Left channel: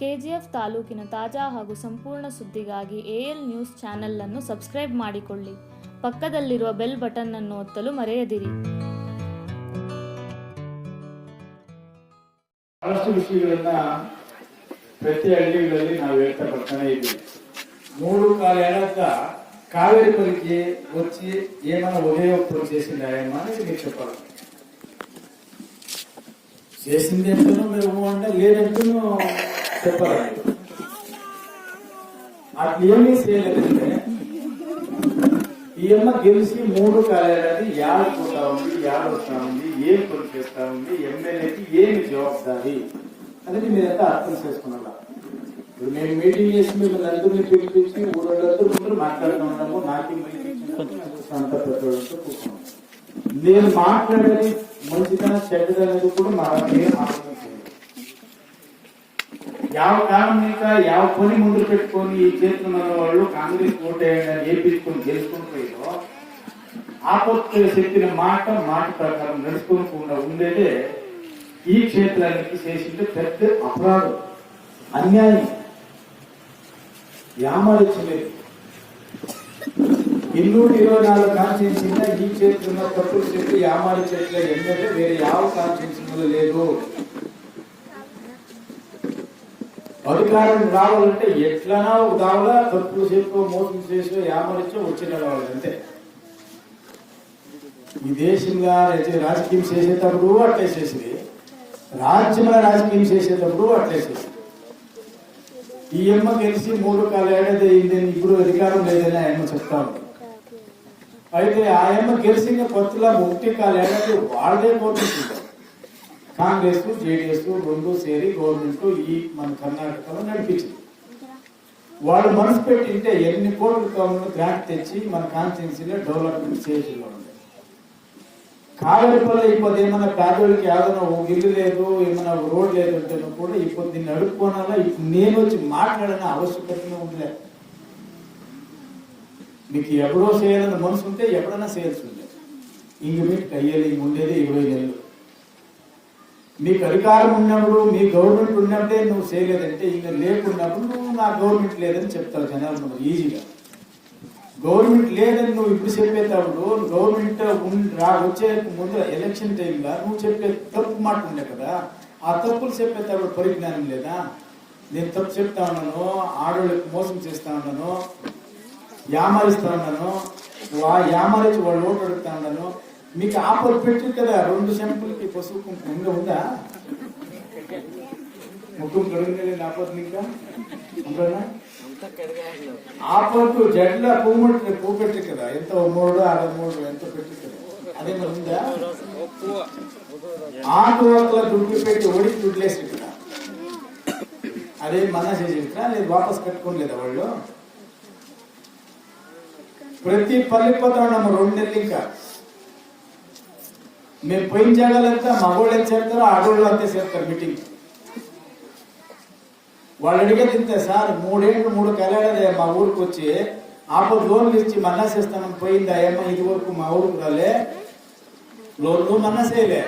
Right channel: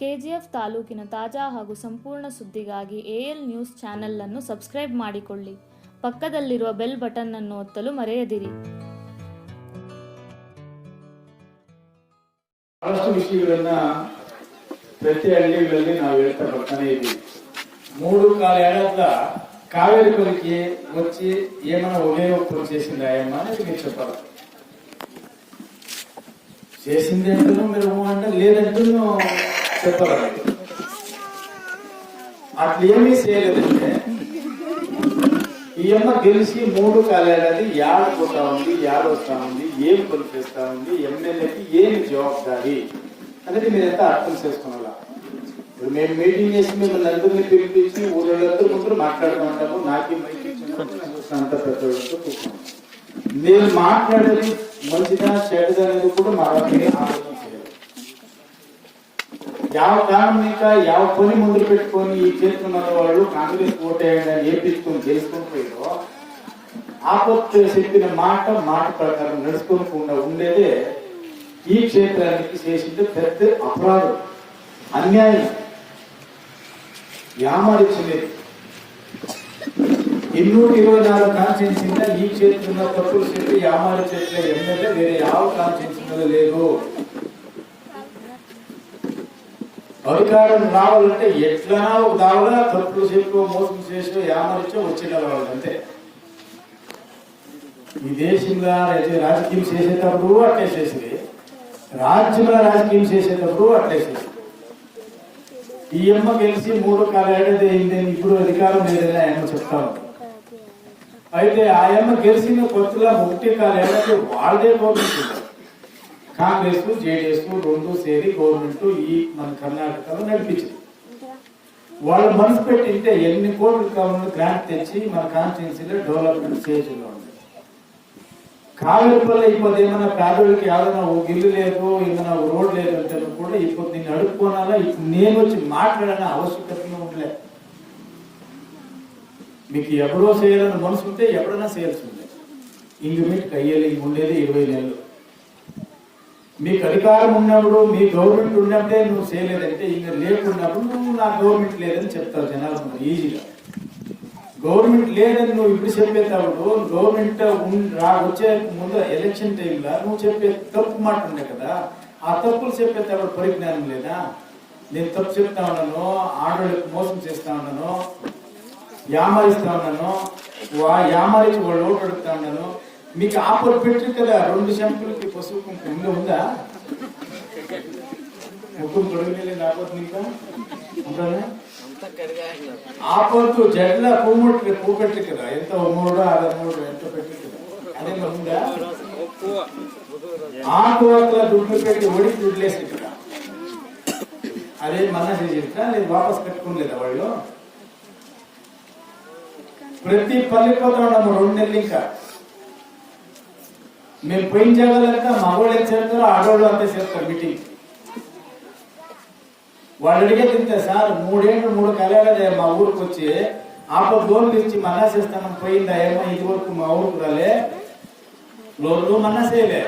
KGF ತಾಲೂಕಿನ ತಾಜಾ ಹಾಗೂ ಸಂಪೂರ್ಣ ಸುದ್ದಿಗಾಗಿ ಎಎಲ್ ನ್ಯೂಸ್ ಚಾನೆಲ್ ಅನ್ನು ಸಬ್ಸ್ಕ್ರೈಬ್ ಮಾಡಿಕೊಳ್ಳಿ. ಪಕ್ಕದಲ್ಲಿರುವ ಬೆಲ್ ಬಟನ್ ಅನ್ನು ಒತ್ತಲು ಮರೆಯದಿರಿ. ಬಹಳಷ್ಟು ವಿಷಯಗಳನ್ನ ಪ್ರತಿ ಹಳ್ಳಿಗಳಲ್ಲಿ ನಾವು ಹೇಳ್ತಾ ಬರ್ತಾನೆ ಇದ್ದೀವಿ. 3 ఏళ్ల కావేరి పల్లికి వచ్చి ఏమైనా ఉపయోగం చేసిందాయమ్మా అనేది మీకు చెప్పాలి. చేసింది అంటూ మీరు అంటే లేదంటూ చెప్పాలి. అట్లా ఏమీ చేయలేదంటే ఈ అమ్మ గెలిచి 3 ఏడాది పోతా ఉంది, వస్తా ఉంది, ఏం పని చేస్తా ఉంది, ఎమ్మెల్యేకి ఏమి జవాబుదారి అనేది మీరంతా అర్థం చేసుకోవాలా. ఇప్పుడు మేము మీటింగ్ చేసి మిమ్మల్ని అందరినీ పిలిపించి ఊళ్ళందరూ ముందు మాట్లాడుతూ ఉంటాము. నాకే మైకి అంత పెద్దవాళ్ళతో నేను మాట్లాడేది మంచిదా చెడ్డదా అనేది కూడా మా ఆలోచన చేయాలి. ಯಾವ పని ముందు పెట్టుకొని ఈ చేస్తున్న వాళ్ళు కాంగ్రెస్ ఓటేయగా ఏపించుకొని చేసుకుని పోయారో ఆపత్తు చెప్పిన మాట ప్రకారం నడుచుకోకుండా ఉండేదే ఈ క్షేత్రానికి చేసింది పెద్ద అపరాధం, అన్యాయం, యామారిచ్చలేదు. 224 కాన్స్టిట్యూన్సీలో ఈ క్షేత్రంలో తప్పులు చెప్పి యామారిచ్చట్లే ఎమ్మెల్యే వేరే ಯಾವ కాన్స్టిట్యూన్సీలో లేదు. అధికారం రావాలంటే ఎట్లనా ఒక దావలా తప్పులు చెప్పి మోసం చేసి యామరిచ్చో వచ్చిన వాళ్ళు అంతే. ఈ దేశంలో రాజకీయం చేసేటప్పుడు అట్లే చేసింది, రాజ్యంలో రాజకీయం చేసేటప్పుడు అట్లే చేసింది. ఈ అమ్మ గెలిచి 3 ఏడాది అయిందని ఇప్పుడు అధికారం లేదని ఆయన చెప్తా ఉంది. అయితే ఆ అమ్మ గెలిచిన కొత్తలో 1 ఏడాది వాళ్ళదే గవర్నమెంట్, కాంగ్రెస్ జేడీఎస్ 2 సేరి గవర్నమెంట్ ఈ మన కర్ణాటకలో నడిపించింది. వాళ్ళు మనసు పెట్టింటే ఎన్ని కోట్లు కావాలని గ్రాంట్ తెచ్చి మన కాన్స్టిట్యున్సీలో డెవలప్మెంట్ స్టేజ్లో ఉంది. కావేరిపల్లి ఇప్పుడు ఏమన్నా పేదోళ్ళకి ఏదైనా ఒక ఇల్లు లేదు, ఏమైనా రోడ్ లేదు అంటే కూడా ఇప్పుడు దీన్ని అడుక్కోనాలా, ఇప్పుడు నేను వచ్చి మాట్లాడని ఆవశ్యకతగా ఉండలేదు. మీకు ఎవరో చేయాలని మనసు ఉంటే ఎప్పుడైనా చేయాల్సి ఉండే. ఇంక మీకు అయ్యేది ఉండేది 20 నెలలు. మీకు అధికారం ఉన్నప్పుడు మీ గవర్నమెంట్ ఉన్నప్పుడే నువ్వు చేయలేదంటే ఇంకా లేకున్నప్పుడు నువ్వు నా గవర్నమెంట్ లేదని చెప్తావు జనాలు ఈజీగా. గవర్నమెంట్ లేదని నువ్వు ఇప్పుడు చెప్పేటప్పుడు గవర్నమెంట్ వచ్చే ముందు ఎలక్షన్ టైంలో నువ్వు చెప్పే తప్పు మాట ఉండే కదా, ఆ తప్పులు చెప్పేటప్పుడు పరిజ్ఞానం లేదా? నేను తప్పు చెప్తా ఉన్నాను, ఆడవాళ్ళకి మోసం చేస్తా ఉన్నాను, యామారిస్తా ఉన్నాను, యామారించి వాళ్ళు ఓటు అడుగుతా ఉన్నాను. మీకు ఆఫర్ పెట్టారు కదా 2 షంపులకి పసుపు కుంకుమ ఇంకా ఉందా? ముఖం కడుగులేదు ఆపత్తు ఇంకా ఉంటానా? ఆపత్తు జడ్ల పువ్వు పెట్టరు కదా, ఎంత 3 6 ఎంత పెట్టరు కదా, అదే ఉందా? ఆకువక్కల దుడ్లు పెట్టి ఒడికి దుడ్లేసి కదా, అదే మన్నా చేసేస్తా లేదు వాపస్ కట్టుకోలేదా వాళ్ళు? ప్రతి పల్లె పోతాము 2 నెలలు. ఇంకా మేము పోయిన జాగాలంతా మగవాళ్ళు ఎంత చేస్తారో ఆడవాళ్ళు అంతే చేస్తారు. మీటింగ్ వాళ్ళు అడిగే తింటే సార్ 3 ఏడాది మా ఊరికి వచ్చి లోన్లు ఇచ్చి మన్నా చేస్తాను పోయింది అయ్యమ్మ, ఇది వరకు మా ఊరికి రాలే, లోన్లు మన్నా చేయలే,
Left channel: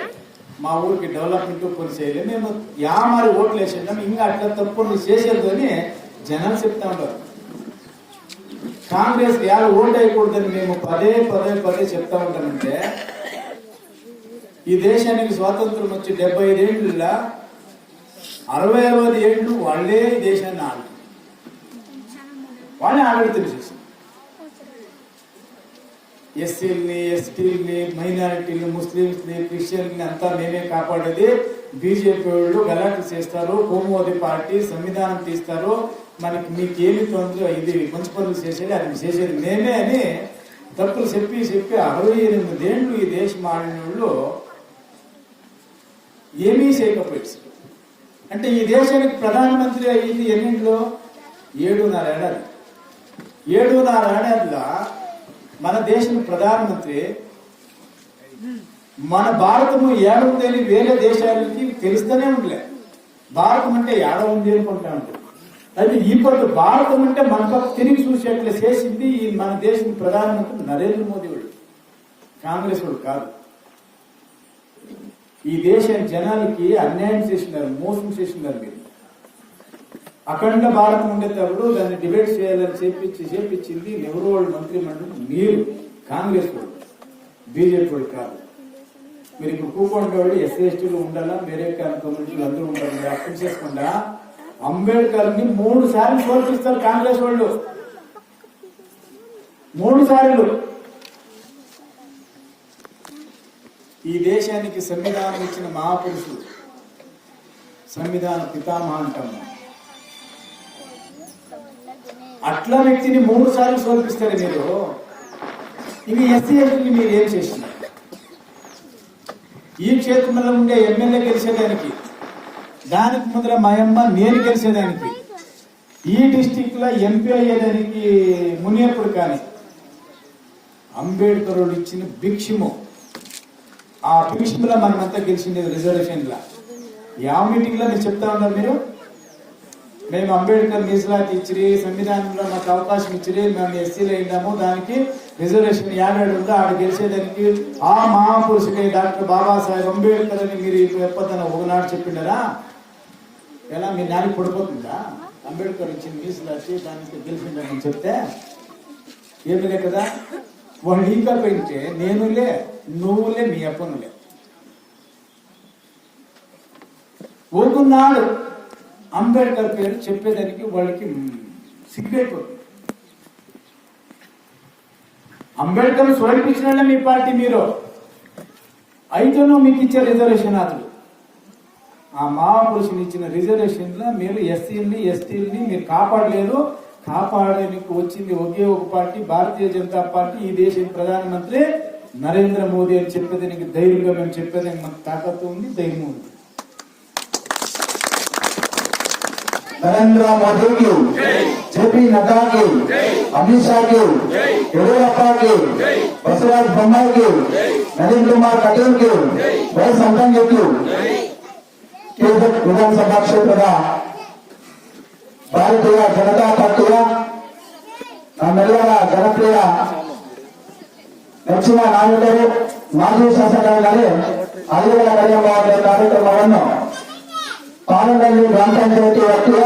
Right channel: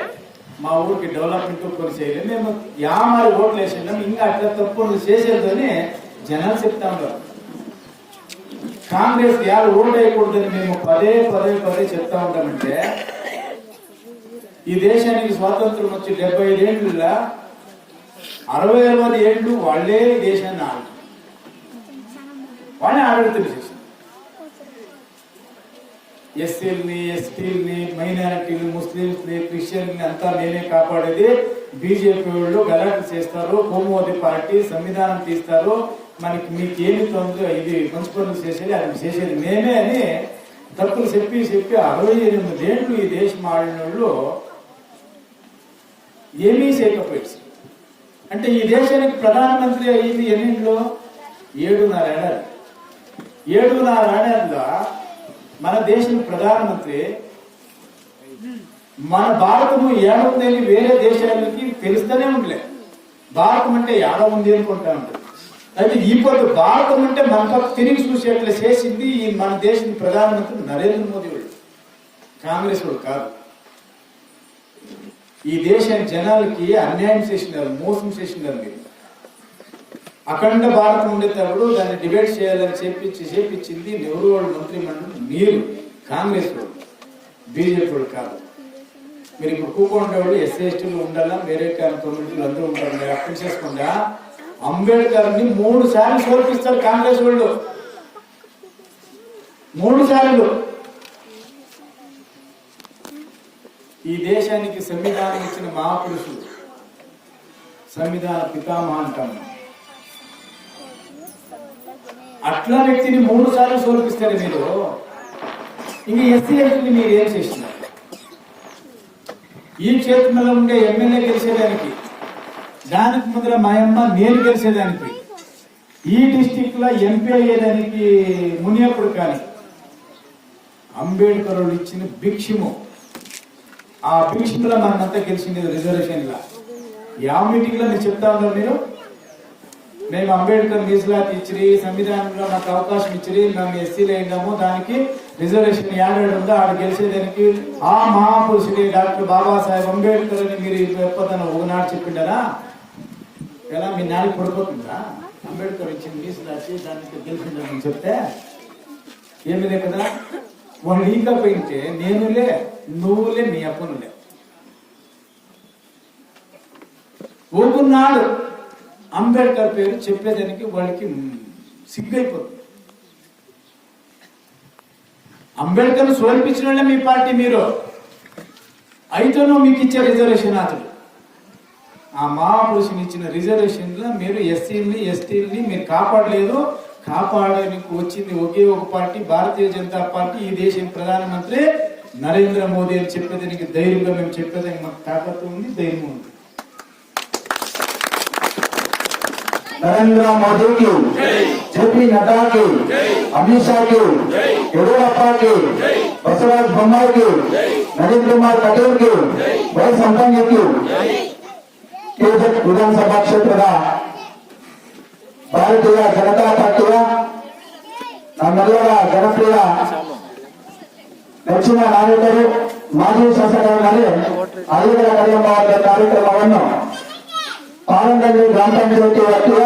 మా ఊరికి డెవలప్మెంట్ పని చేయలే, మేము యామారి ఓట్లు వేసినాం, ఇంకా అట్లా తప్పు చేసేది అని జనాలు చెప్తా ఉంటారు. కాంగ్రెస్ ఓటు వేయకూడదని మేము పదే చెప్తా ఉంటామంటే ఈ దేశానికి స్వాతంత్రం వచ్చి 75 ఏళ్ళ 60 ఏళ్ళు వాళ్ళే ఈ దేశాన్ని వాళ్ళే ఆడతారు చేసి ఎస్సీలని, ఎస్టీలని, మైనారిటీని, ముస్లింస్ని, క్రిస్టియన్ని అంతా మేమే కాపాడేది. బీజేపీ వాళ్ళు గలాట్లు చేస్తారు, కోమోది పార్టీ సంవిధానం తీస్తారు, మీకేమి తొందర ఇది మంచి పనులు చేసేది అది చేసేది మేమే అని తప్పులు చెప్పి 68 ఏళ్ళు ఈ దేశం ఆడిన వాళ్ళు ఏమీ చేయకపోయాడు. అంటే ఈ దేశానికి ప్రధానమంత్రి అయ్యింది ఎన్నింటిలో? 7.5 ఏడాది. 7.5 ఏడాదిలో మన దేశం ప్రధానమంత్రి మన భారతము ఏడుందని వేరే దేశాలకి తెలుస్తూనే ఉండలే. భారతం అంటే ఏడ ఉంది అనుకుంటా ఉంటుంది. అయితే ఇప్పుడు భారతం అంటే మన పక్క తిరిగి చూసేట్లా చేసింది ఈ మన దేశం ప్రధానమంత్రి నరేంద్ర మోదీ వాళ్ళు, కాంగ్రెస్ వాళ్ళు కాదు. ఈ దేశ జనాలకి అన్యాయం చేసినారు, మోసం చేసినారు. మీరు అఖండ భారతం ఉండేటప్పుడు దాన్ని డిబేట్ చేయాలని చేపించింది నెహ్రూ వాళ్ళు మంత్రి మండలి, మీరు కాంగ్రెస్ వాళ్ళు, బీజేపీ వాళ్ళు కాదు. మీరు ఇప్పుడు కూకుంటే వాళ్ళు ఎస్సీ ఎస్టీలు ఉండాలా, వేరే కమ్యూనిటీలు అందరూ ఉంటారు, అర్థం చేసుకుండా అంబేద్కర్ని 3 సార్లు సోల్పిస్తారు కాంగ్రెస్ వాళ్ళు. 3 సార్లు. ఈ దేశానికి సంవిధానం ఇచ్చిన మహాపురుషులు, సంవిధాన పితామహ అంటాము, అట్లా వ్యక్తిని 3 సార్లు సోల్పిస్తారు మీరు. ఇంక ఎస్సీ ఎస్టీని మీరు ఏం చేసినారు? ఈ క్షేత్రంలో ఉండే ఎమ్మెల్యే గెలిచేదానికి, దానికి ముందర మా అమ్మ నేను గెలిచేదానికి, ఈ డిస్టిక్ లో ఎంపీ అయ్యేదానికి మునియప్పుడు కానీ అంబేద్కర్ ఇచ్చిన భిక్షము, ఆ భిక్షములో మనమంతా గెలిచింది రిజర్వేషన్ లా. యా మీటింగ్ లో మీరు చెప్తా ఉన్నారు, మీరు మేము అంబేద్కర్ మీಸಲಾತಿ ఇచ్చిరి, సంవిధానంలో మాకు అవకాశం ఇచ్చిరి, మేము ఎస్సీలో అయినాము, దానికి రిజర్వేషన్ ఏడాడు ఉందో ఆడ గెలిచేదానికి ఆ మహాపురుషుడే డాక్టర్ బాబాసాహెబ్ అంబేద్కర్ అని మీరు చెప్పదని ఒకనాడు చెప్పిండారా? ఎలా మీ నాన్నకి పడిపోతుందా? అంబేద్కర్ ఇచ్చిన మీಸಲಾತಿ దానికి గెలిచిందని చెప్తే ఏమిలే కదా. వాళ్ళు ఇంకా పోయింటే నేనులే, నువ్వులే, మీ అప్పనులే. ఒకనాడు అంబేద్కర్ పేరు చెప్పేదానికి వాళ్ళకి సిగ్గైపోతుంది. అంబేద్కర్ సోల్పించిన వాళ్ళే మీ పార్టీ. మీరు అయితేనూ మీకు ఇచ్చే రిజర్వేషన్ అతడు ఆ మహాపురుషుని ఇచ్చిన రిజర్వేషన్ లో మీరు ఎస్సీలని ఎస్టీలని మీరు కాపాడలేదు. కాపాడడానికి వచ్చింది ఒకే ఒక పార్టీ, భారతీయ జనతా పార్టీ. ఈ దేశం ప్రధానమంత్రి నరేంద్ర మోదీ అని చెప్పేదానికి ధైర్యంగా మేము చెప్పేదానికి మాకు తాకత్తు ఉంది, ధైర్యం ఉంది. नरेंद्र मोदी की, जेपी नड्डा की, अमित शाह की, येडियूरप्पा की, बसवराज बोम्माई की, नवीन कुमार कटील की, वै संपंग की विधानसभा क्षेत्र भारतीय जनता पार्टी नम्मेಲ್ಲರ ಜನಪ್ರಿಯ ನೆಚ್ಚಿನ ನಾಯಕರು ಮಾಜಿ ಶಾಸಕರಾದ ಅಲ್ಲಿಗಳ ಕರಿಯಮ್ಮ ಅವರ ಕಾರ್ಯಕ್ರಮವನ್ನು ಪಾರಂಗಳ್ಳಿ ಗ್ರಾಮ ಪಂಚಾಯತಿ ವ್ಯಾಪ್ತಿಯ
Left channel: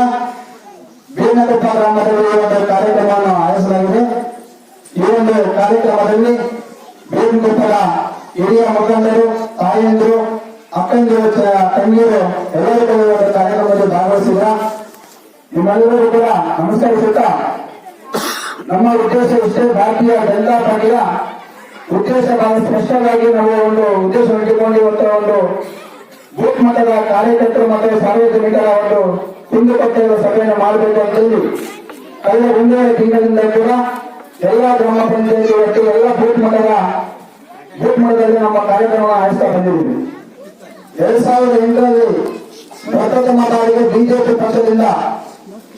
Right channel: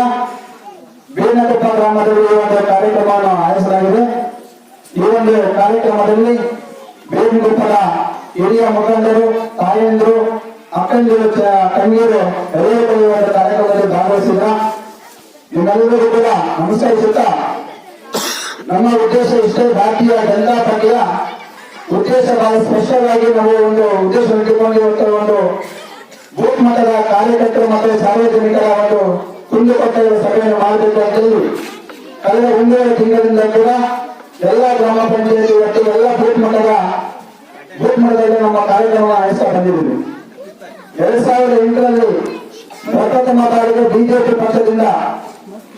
ಬೇನಕೊಪ್ಪ ಗ್ರಾಮದಲ್ಲಿ ಒಂದು ಕಾರ್ಯಕ್ರಮವನ್ನು ಆಯೋಜಿಸಲಾಗಿದೆ. ಈ ಒಂದು ಕಾರ್ಯಕ್ರಮದಲ್ಲಿ ಬೇನಕೊಪ್ಪದ ಹಿರಿಯ ಮುಖಂಡರು, ತಾಯಂದಿರು, ಅಕ್ಕಂದಿರು, ತಂಗಿಯರು ಎಲ್ಲರಿಗೂ ಒಂದು ಕಾರ್ಯಕ್ರಮದಲ್ಲಿ ಭಾಗವಹಿಸಿದ ನಿಮ್ಮೆಲ್ಲರೂ ಕೂಡ ನಮಸ್ಕರಿಸುತ್ತಾ, ನಮ್ಮ ಉದ್ದೇಶ ಇಷ್ಟೇ, ಭಾರತೀಯ ಜನತಾ ಪಾರ್ಟಿಯ ಉದ್ದೇಶ ಬಹಳ ಸ್ಪಷ್ಟವಾಗಿ ನಾವು ಒಂದು ಉದ್ದೇಶ ಇಟ್ಟುಕೊಂಡು ಇವತ್ತು ಒಂದು ಬೂತ್ ಮಟ್ಟದ ಕಾರ್ಯಕರ್ತರು ಮತ್ತು ಸಾರ್ವಜನಿಕರ ಒಂದು ಕುಂದುಕೊಟ್ಟ ಸಭೆಯನ್ನು ಮಾಡಬೇಕು ಅಂತ ಹೇಳಿ ಕಳೆದ 1.5 ತಿಂಗಳಿಂದ ಕೂಡ ಎಲ್ಲ ಗ್ರಾಮ ಪಂಚಾಯತಿ ಒಟ್ಟಿಗೆ ಎಲ್ಲ ಬೂತ್ ಮಟ್ಟದಲ್ಲಿ ನಮ್ಮ ಕಾರ್ಯಕ್ರಮ ಆಯೋಜಿಸ್ತಾ ಬಂದಿದ್ದೀವಿ. 2008ರಲ್ಲಿ ಪ್ರಪ್ರಥಮ ಬಾರಿಗೆ ಬಿಜೆಪಿ ಪಕ್ಷದಿಂದ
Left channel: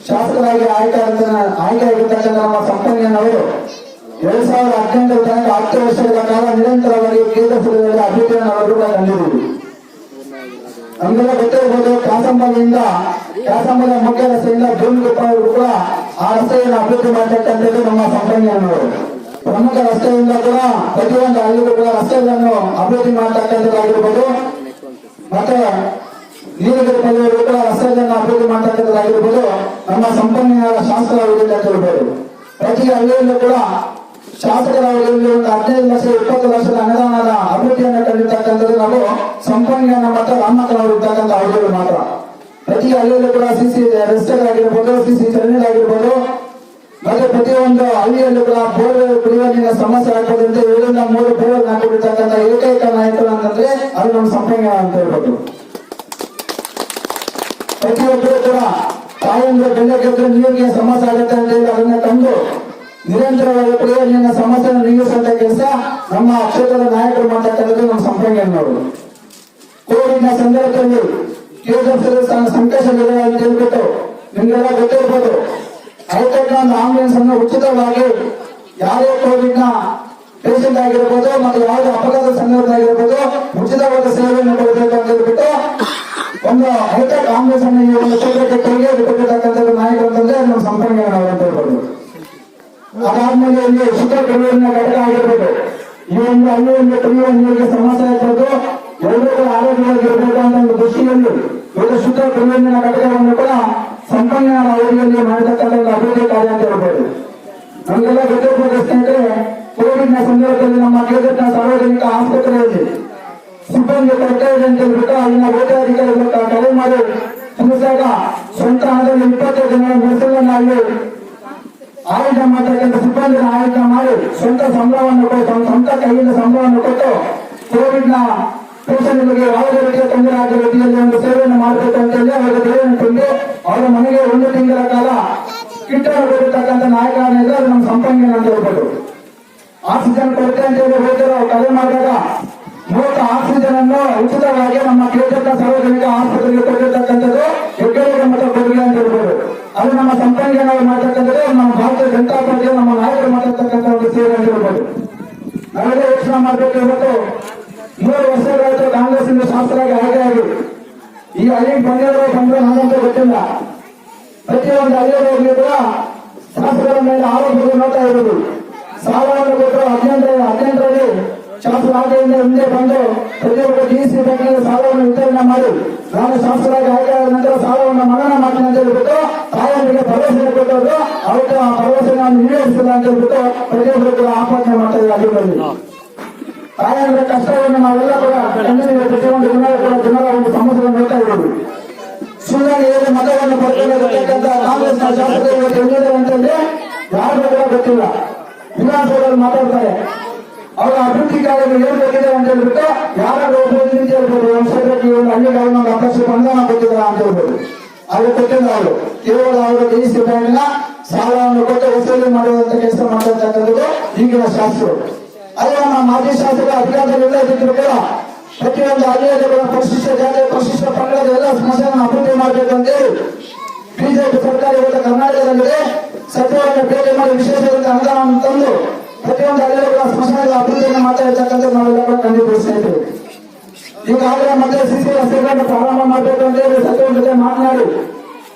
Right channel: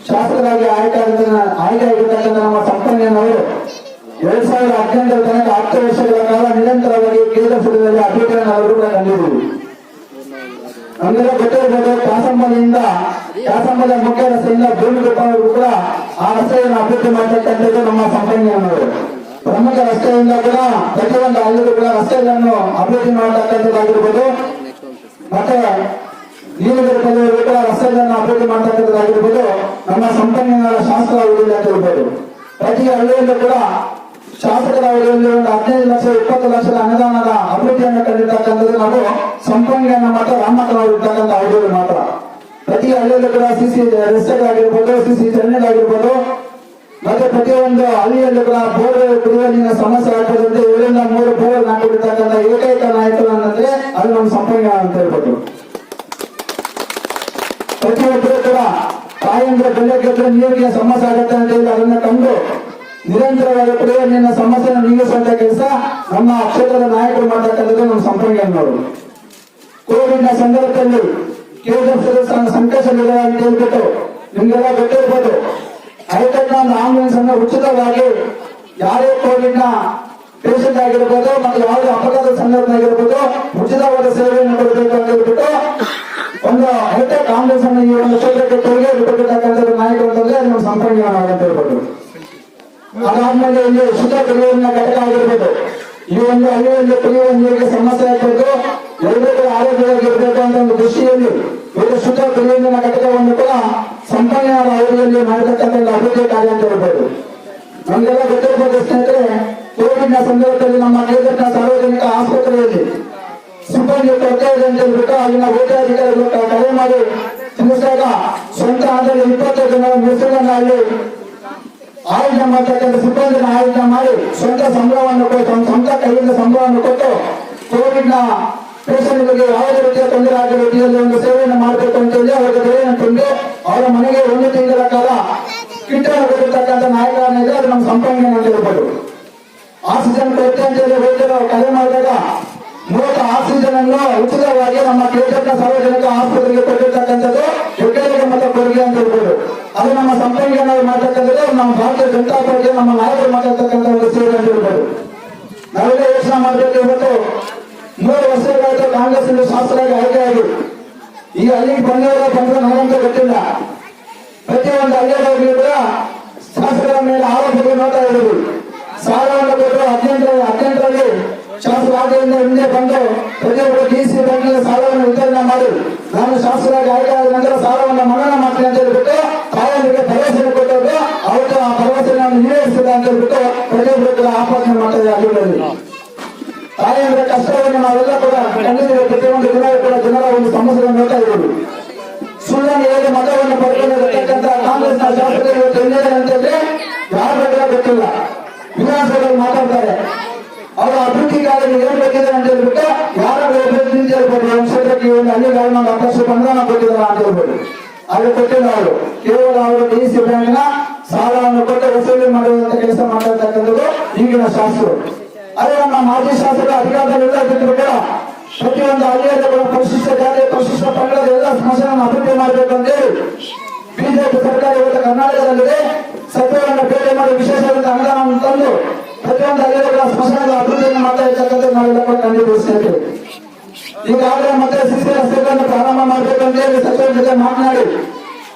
ಶಾಸಕರಾಗಿ ಆಯ್ಕೆಯಾಗಿರ್ತಕ್ಕಂಥ ನಮ್ಮ ಸಂಪಂಗನವರು 2018 ತನಕ 10 ವರ್ಷಗಳ ಕಾಲ ನಿರಂತರವಾಗಿ ಕೇಂದ್ರದಲ್ಲಿ ಅಭಿವೃದ್ಧಿಯನ್ನು ಅವರು ಕೂಡ ಕಂಡಿದ್ದೀವಿ. ನಮಗೆಲ್ಲ ಗೊತ್ತಿರಬಹುದು, ಕ್ಯಾಸಂಬದ ಮುಖ್ಯ ರಸ್ತೆಯಿಂದ ಬೇನಕೊಪ್ಪವರೆಗೂ ಕೂಡ ಆ ರಸ್ತೆಯನ್ನು ಅಭಿವೃದ್ಧಿ ಮಾಡತಕ್ಕಂಥದ್ದು ನಮ್ಮ ಸಂಪಂಗನವರು. ಪ್ರಮುಖ ರಸ್ತೆಯಿಂದ ಕೂಡ ಪ್ರತಿಯೊಂದು ಹಳ್ಳಿಗೂ ಕೂಡ ರಸ್ತೆಗಳನ್ನು ಅಭಿವೃದ್ಧಿ ಮಾಡತಕ್ಕಂಥದ್ದಾಗಿರ್ಬೋದು, ಮತ್ತೆ ನೀಲಗಿರಿ ಕೂಡ ರಸ್ತೆಗಳನ್ನು ಅಭಿವೃದ್ಧಿ ಮಾಡತಕ್ಕಂಥದ್ದಾಗಿರ್ಬೋದು ನಮ್ಮ ಸಂಪನ್ಮೂಲ ಶಾಸಕರ ಅವಧಿಯಲ್ಲಿ ಅಂತ ಹೇಳ್ಬೋದು. ಪ್ರತಿ ಹಳ್ಳಿಯಲ್ಲೂ ಕೂಡ ಶಾಸಕರ ಅವಧಿಯಲ್ಲಿ ಒಂದು 15 ಲಕ್ಷ 20 ಲಕ್ಷದ ಅನುದಾನದ ಅಭಿವೃದ್ಧಿಯನ್ನು ಕಂಡಿರ್ತಕ್ಕಂಥದ್ದು ನಾವು ಸಂಪನ್ಮೂಲ ಮತ್ತು ರಾಮಕಲವರು ಇರ್ತಕ್ಕಂಥ ಅವಧಿಗಳು ಮಾತ್ರ. ಪ್ರತಿ ಹಳ್ಳಿಯಲ್ಲೂ ಕೂಡ ಸಿಸಿ ರಸ್ತೆಗಳಾಗಿರ್ಬೋದು, ಸಿಸಿ ಚರಂಡಿಗಳಾಗಿರ್ಬೋದು, ಮತ್ತೆ ಪ್ರತಿಯೊಂದು ಹಳ್ಳಿಯಲ್ಲೂ ಕೂಡ ಬೋರ್ ಕುಡಿಯುವ ನೀರಿನ ಸಮಸ್ಯೆ ಆಗ್ತದಂತೆ 2 ರಿಂದ 3 ಬೋರ್ ಹಾಕೊಂಡಿರ್ತಕ್ಕಂಥ ಏಕೈಕ ನಾಯಕರು ಅಂತಂದ್ರೆ ಅದು ನಮ್ಮ ಸಂಪನ್ಮೂಲ ಅಂತ ಹೇಳ್ಬೋದು. ಪ್ರತಿಯೊಬ್ಬರು ಕೂಡ ತಾಯಂದ್ರೆ ಬೆಳ್ಳಗೆದ್ರೆ ನೀರಿಗೆ ಸಮಸ್ಯೆ ಆಗುತ್ತೆ ಅಂತ ಹೇಳಿ ಅದನ್ನ ಕಂಡು ನಿರಂತರವಾಗಿ ಕುಡಿಯುವ ನೀರಿನ ಸಮಸ್ಯೆಯನ್ನು ನೀಗಿಸುವಂತ ಕೆಲಸ ನಮ್ಮ ಕ್ಷೇತ್ರದ ನಾಯಕರು ಮಾಡತಕ್ಕಂಥದ್ದು ನಮ್ಮ ಸಂಪಂಗನವರು. ಕೋವಿಡ್ ನ ಸಂದರ್ಭದಲ್ಲಿ ಸಂಕಷ್ಟವಿದೆ ಅಂತ ಹೇಳ್ಬಿಟ್ಟು ನಿಮ್ಗೆಲ್ಲ ಗೊತ್ತಿರ್ಬೋದು, ಹೈಟೆಕ್ ಒಂದು ಆಂಬುಲೆನ್ಸ್ ಅನ್ನು ಉಚಿತವಾಗಿ ಯಾರೇ ಕೋವಿಡ್ ನ ಪೇಷಂಟ್ ಆಗಿರ್ಬೋದು ಮತ್ತು ಯಾವುದೇ ಅಪಘಾತ ಸಂದರ್ಭದಲ್ಲಿರ್ಬೋದು ಉಚಿತವಾದ ಸೇವೆಯನ್ನು ಕೊಡಬೇಕು ಅಂತ ಹೇಳ್ಬಿಟ್ಟು ಒಂದು ಹೈಟೆಕ್ ಆಂಬುಲೆನ್ಸ್ ಅನ್ನು ಈ ಒಂದು ಕ್ಷೇತ್ರಕ್ಕೆ ಕೊಡುಗೆ ಬಿಟ್ಟಿರ್ತಕ್ಕಂಥದ್ದು ನಾಯಕರು ಅಂತಂದ್ರೆ ನಮ್ಮ ಸಂಪಂಗನವರು ಅಂತ ಹೇಳ್ಬೋದು. ಅದಾದ್ಮೇಲೆ ಇಲ್ಲಿ ಶುದ್ಧ ಕುಡಿಯುವ ನೀರಿನ ಘಟಕ ಆಗಿರ್ಬೋದು, ಈ ಒಂದು ಹಳ್ಳಿಯಲ್ಲಿ ಕುಡಿಯುವ ನೀರಿಗೆ ಸಮಸ್ಯೆ ಆಗ್ಬೋದು, ಎಲ್ಲರೂ ಕೂಡ ಆರೋಗ್ಯವಾಗಿರ್ಬೇಕು ಅಂತ ಒಂದು ದೃಷ್ಟಿಯಲ್ಲಿ ಇವರು ಶುದ್ಧ ಕುಡಿಯುವ ನೀರಿನ ಘಟಕವನ್ನು ಕೂಡ ಸಂಪನ್ನ ಅವಧಿಯಲ್ಲಿ ಮಾಡಿರ್ತಕ್ಕಂಥ ಅಭಿವೃದ್ಧಿ ಕಾರ್ಯ ಅಂತ ಹೇಳ್ಬೋದು. ನಮಗೆಲ್ಲ ಗೊತ್ತಿರಬೇಕು ಸ್ನೇಹಿತರೆ, ಕೋವಿಡ್ ನ ಸಂದರ್ಭದಲ್ಲಿ ನಮ್ಮ ಕೇಂದ್ರದ ಸಾರ್ವಜನಿಕ ಆಸ್ಪತ್ರೆಯಲ್ಲಿ ಸಿಬ್ಬಂದಿ ಕೊರತೆ ಇದೆ ಅಂತ ಹೇಳ್ಬಿಟ್ಟು ಅಲ್ಲಿನ ವೈದ್ಯಾಧಿಕಾರಿಗಳು ಕರೆ ಮಾಡಿ ತಿಳಿಸಿದಾಗ ಸ್ವಂತ ಹಣದಲ್ಲಿ 20 ಜನ ನರ್ಸುಗಳನ್ನ ಅಲ್ಲಿ ಆಯೋಜನೆ ಮಾಡತಕ್ಕಂಥ ಸಿಬ್ಬಂದಿನ ಆಯೋಜನೆ ಮಾಡಿ ಸ್ವಂತ ಸಂಬಳವನ್ನು ಕೊಟ್ಟು ಸ್ವಂತ ಕೈಯಿಂದ ಸಂಬಳವನ್ನು ಕೊಟ್ಟು ಕೋವಿಡ್ ನ ಪೇಷಂಟ್ಗಳಿಗೆ ಯಾವುದೇ ರೀತಿಯ ತೊಂದರೆ ಆಗೋ ರೀತಿಯಲ್ಲಿ ಒಂದು ಸೇವೆಯನ್ನು ಮಾಡಬೇಕು ಅಂತ ಹೇಳಿ ಅವರಿಗೆ ದೇಹವನ್ನು ತುಂಬಿ ಅವರ ಮನೆಗೆ 1 ತಿಂಗಳ ಕಾಲ ಕಿಟ್ಟನ್ನು ಕೊಟ್ಟಿರ್ತಕ್ಕಂಥ ನಾಯಕರನ್ನ ಇದೆ. ಅದು ನಮ್ಮ ಸಂಪನ್ಮೂಲ ಅಂತ ಹೇಳ್ಬೋದು. ಆಕ್ಸಿಜನ್ ಕೊರತೆ ಅಂತ ಹೇಳಿ ವೈದ್ಯರು ಕರೆ ಮಾಡಿದಾಗ 30 ಆಕ್ಸಿಜನ್ ಅನ್ನು ಉಚಿತವಾಗಿ ನಮ್ಮ ಕೆಜೆಪ್ನ ಸಾರ್ವಜನಿಕ ಆಸ್ಪತ್ರೆಗೆ ಕೊಟ್ಟಿರ್ತಕ್ಕಂಥದ್ದು ಹೆಗ್ಗಳಿಕೆ ಮತ್ತು ಕೊಡುಗೆ ಅಂತ ಹೇಳ್ಬೋದು. ಅದು ನಮ್ಮ ಸಂಪನ್ಮೂಲ ಮಾಡ್ತಕ್ಕಂಥದ್ದು ನಮ್ಮ ಭಾರತೀಯ ಜನತಾ ಪಾರ್ಟಿ ನಮ್ಮ ನಾಯಕರು ಮಾತಾಡ್ತಕ್ಕಂಥ ಒಂದು ಸೇವೆ ಅಂತ ಹೇಳ್ಬೋದು. ನಾವೆಲ್ಲ ಯೋಚನೆ ಮಾಡಬೇಕು. ಇವತ್ತು 3 ವರ್ಷಗಳಾಯ್ತು ಕಾಂಗ್ರೆಸ್ ಶಾಸಕರಾಗಿ ಆಯ್ಕೆಯಾಗಿ ಈ ಹಳ್ಳಿಗೆ ಬಂದ್ರೆ ನಾವಂತೂ ಗೊತ್ತಿಲ್ಲ. ಪ್ರತಿಯೊಂದು ಹಳ್ಳಿಯಲ್ಲಿ ಕೂಡ ಶಾಸಕರ ಮೇಲೆ ಆರೋಪಗಳು ನೋಡ್ತಾ ಇದ್ದೀವಿ. ಸಾಲವನ್ನು ಕೊಟ್ಟು 18ರಲ್ಲಿ ಶಾಸಕರಾಗಿಯಿಂದ ಹಿಂದೆ ಬಂದು ಪ್ರತಿಯೊಬ್ಬರು ಡಿಸಿ ಬ್ಯಾಂಕಿನ ಸಾಲವನ್ನು ವಿತರಣೆ ಮಾಡಿ ನಾನು ಶಾಸಕರಾಗಿ ಆಯ್ಕೆಯಾದ ನಂತರ ಸಾಲವನ್ನು ಮನ್ನಾ ಮಾಡ್ತೀನಿ ಅಂತ ಹೇಳ್ಬಿಟ್ಟು ತಾಯರಿಗೆ ಭರವಸೆ ಕೊಟ್ಟರು. ಅವತ್ತು ಆ ಭರವಸೆ ನಾನು ಈಡೇರಿಸಿಲ್ಲ ಅಂತ ಹೇಳ್ಬಿಟ್ಟು ಪ್ರತಿಯೊಬ್ಬರು ಕೂಡ ಆಪಾದನೆ ಮಾಡ್ತಾ ಇದೆ. ಹಳ್ಳಿಗಳಲ್ಲಿ ತಾಯಂದ್ರ ಕಷ್ಟವನ್ನು ನಾವೆಲ್ಲ ಕೂಡ ಕಂಡಿದ್ದೇವೆ. ಪ್ರತಿಯೊಂದು ದಿನವೂ ಕೂಡ ಜನರ ಒಂದು ಸಮಸ್ಯೆಗಳನ್ನು ನೋಡ್ತಾ ಇದ್ದೀವಿ. ಸುಳ್ಳಿನಲ್ಲಿ ಮತವನ್ನು ಪಡೆದುಕೊಳ್ಳತಕ್ಕಂಥ ಕಾಂಗ್ರೆಸ್ನ ಶಾಸಕರು ಇವತ್ತು ಎಲ್ಲಿದ್ದಾರೆ ಅಂತ ಹೇಳಿ ಯಾರು ಕೂಡ ಗೊತ್ತಿಲ್ಲ. ವಿಧಾನಸಭೆಯಲ್ಲಿ ಮಾತಾಡ್ತಾರೆ, ಅವರ ಅಭಿವೃದ್ಧಿ ಕಾರ್ಯಗಳು ಏನ್ ಬೇಕಿದೆ ಅಂತ ಹೇಳ್ಬಿಟ್ಟು ಯಾರು ಅಭಿವೃದ್ಧಿ ಹೇಳ್ಬೋದು. ಒಂದು ಕ್ಷೇತ್ರಕ್ಕೆ ಒಂದು ಹಳ್ಳಿಗೆ ಅವ್ರು ನಾವು 10 ಲಕ್ಷ ಅನುದಾನ ಕೊಟ್ಟಿದ್ದಾರೆ ಅಂತ ಹೇಳ್ಬೋದು. ಅದು ಕೊಟ್ಟಿಲ್ಲ. ಅವರು ಕೇವಲ ಅವರು ಡಿಸಿ ಬ್ಯಾಂಕಿನ ಸಾಲವನ್ನು ಕೊಟ್ಟು ವಸೂಲಿ ಮಾಡುವಂತ ಕೆಲಸ ಮಾಡ್ತಾ ಈಗಿನ ಶಾಸಕರು. ಅದೇ ನಮ್ಮ ಮಾಜಿ ಶಾಸಕರು ಅಧಿಕಾರದಲ್ಲಿಲ್ಲ ಇದ್ದಿದ್ರು ಕೂಡ ಪ್ರತಿಯೊಂದು ಹಳ್ಳಿಯ ಪರಿಶಿಷ್ಟ ಜಾತಿ ಪರಿಶಿಷ್ಟ ಪಂಗಡದ ಎಲ್ಲ ಸಮಸ್ಯೆಗಳನ್ನು ಅಭಿವೃದ್ಧಿ ಮಾಡಬೇಕಂತೇಳಿ ಬಿಜೆಪಿ ಸರ್ಕಾರ ಇವತ್ತು ಕರ್ನಾಟಕದಲ್ಲಿದೆ. ಸಚಿವರನ್ನು ಭೇಟಿ ಮಾಡಿ ವಿಶೇಷವಾದ ಅನುದಾನವನ್ನು ತಂದು ಪ್ರತಿಯೊಂದು ಹಳ್ಳಿಗಳ ಸ್ಮಶಾನದ ಅಭಿವೃದ್ಧಿಯನ್ನು ಮಾಡ್ತಾ ಇರ್ತಕ್ಕಂಥ ನಾವೆಲ್ಲ ಕೂಡ ಕಂಡಿದ್ದೀವಿ ಸ್ನೇಹಿತರೆ. ಈಗಾಗಲೇ ಮತ್ತೆ ಸಿಸಿ ರಸ್ತೆಗಳನ್ನು ಪ್ರಾರಂಭ ಮಾಡಬೇಕಂತೇಳಿ ಸಚಿವರ ಜೊತೆ ಮಾತನಾಡಿ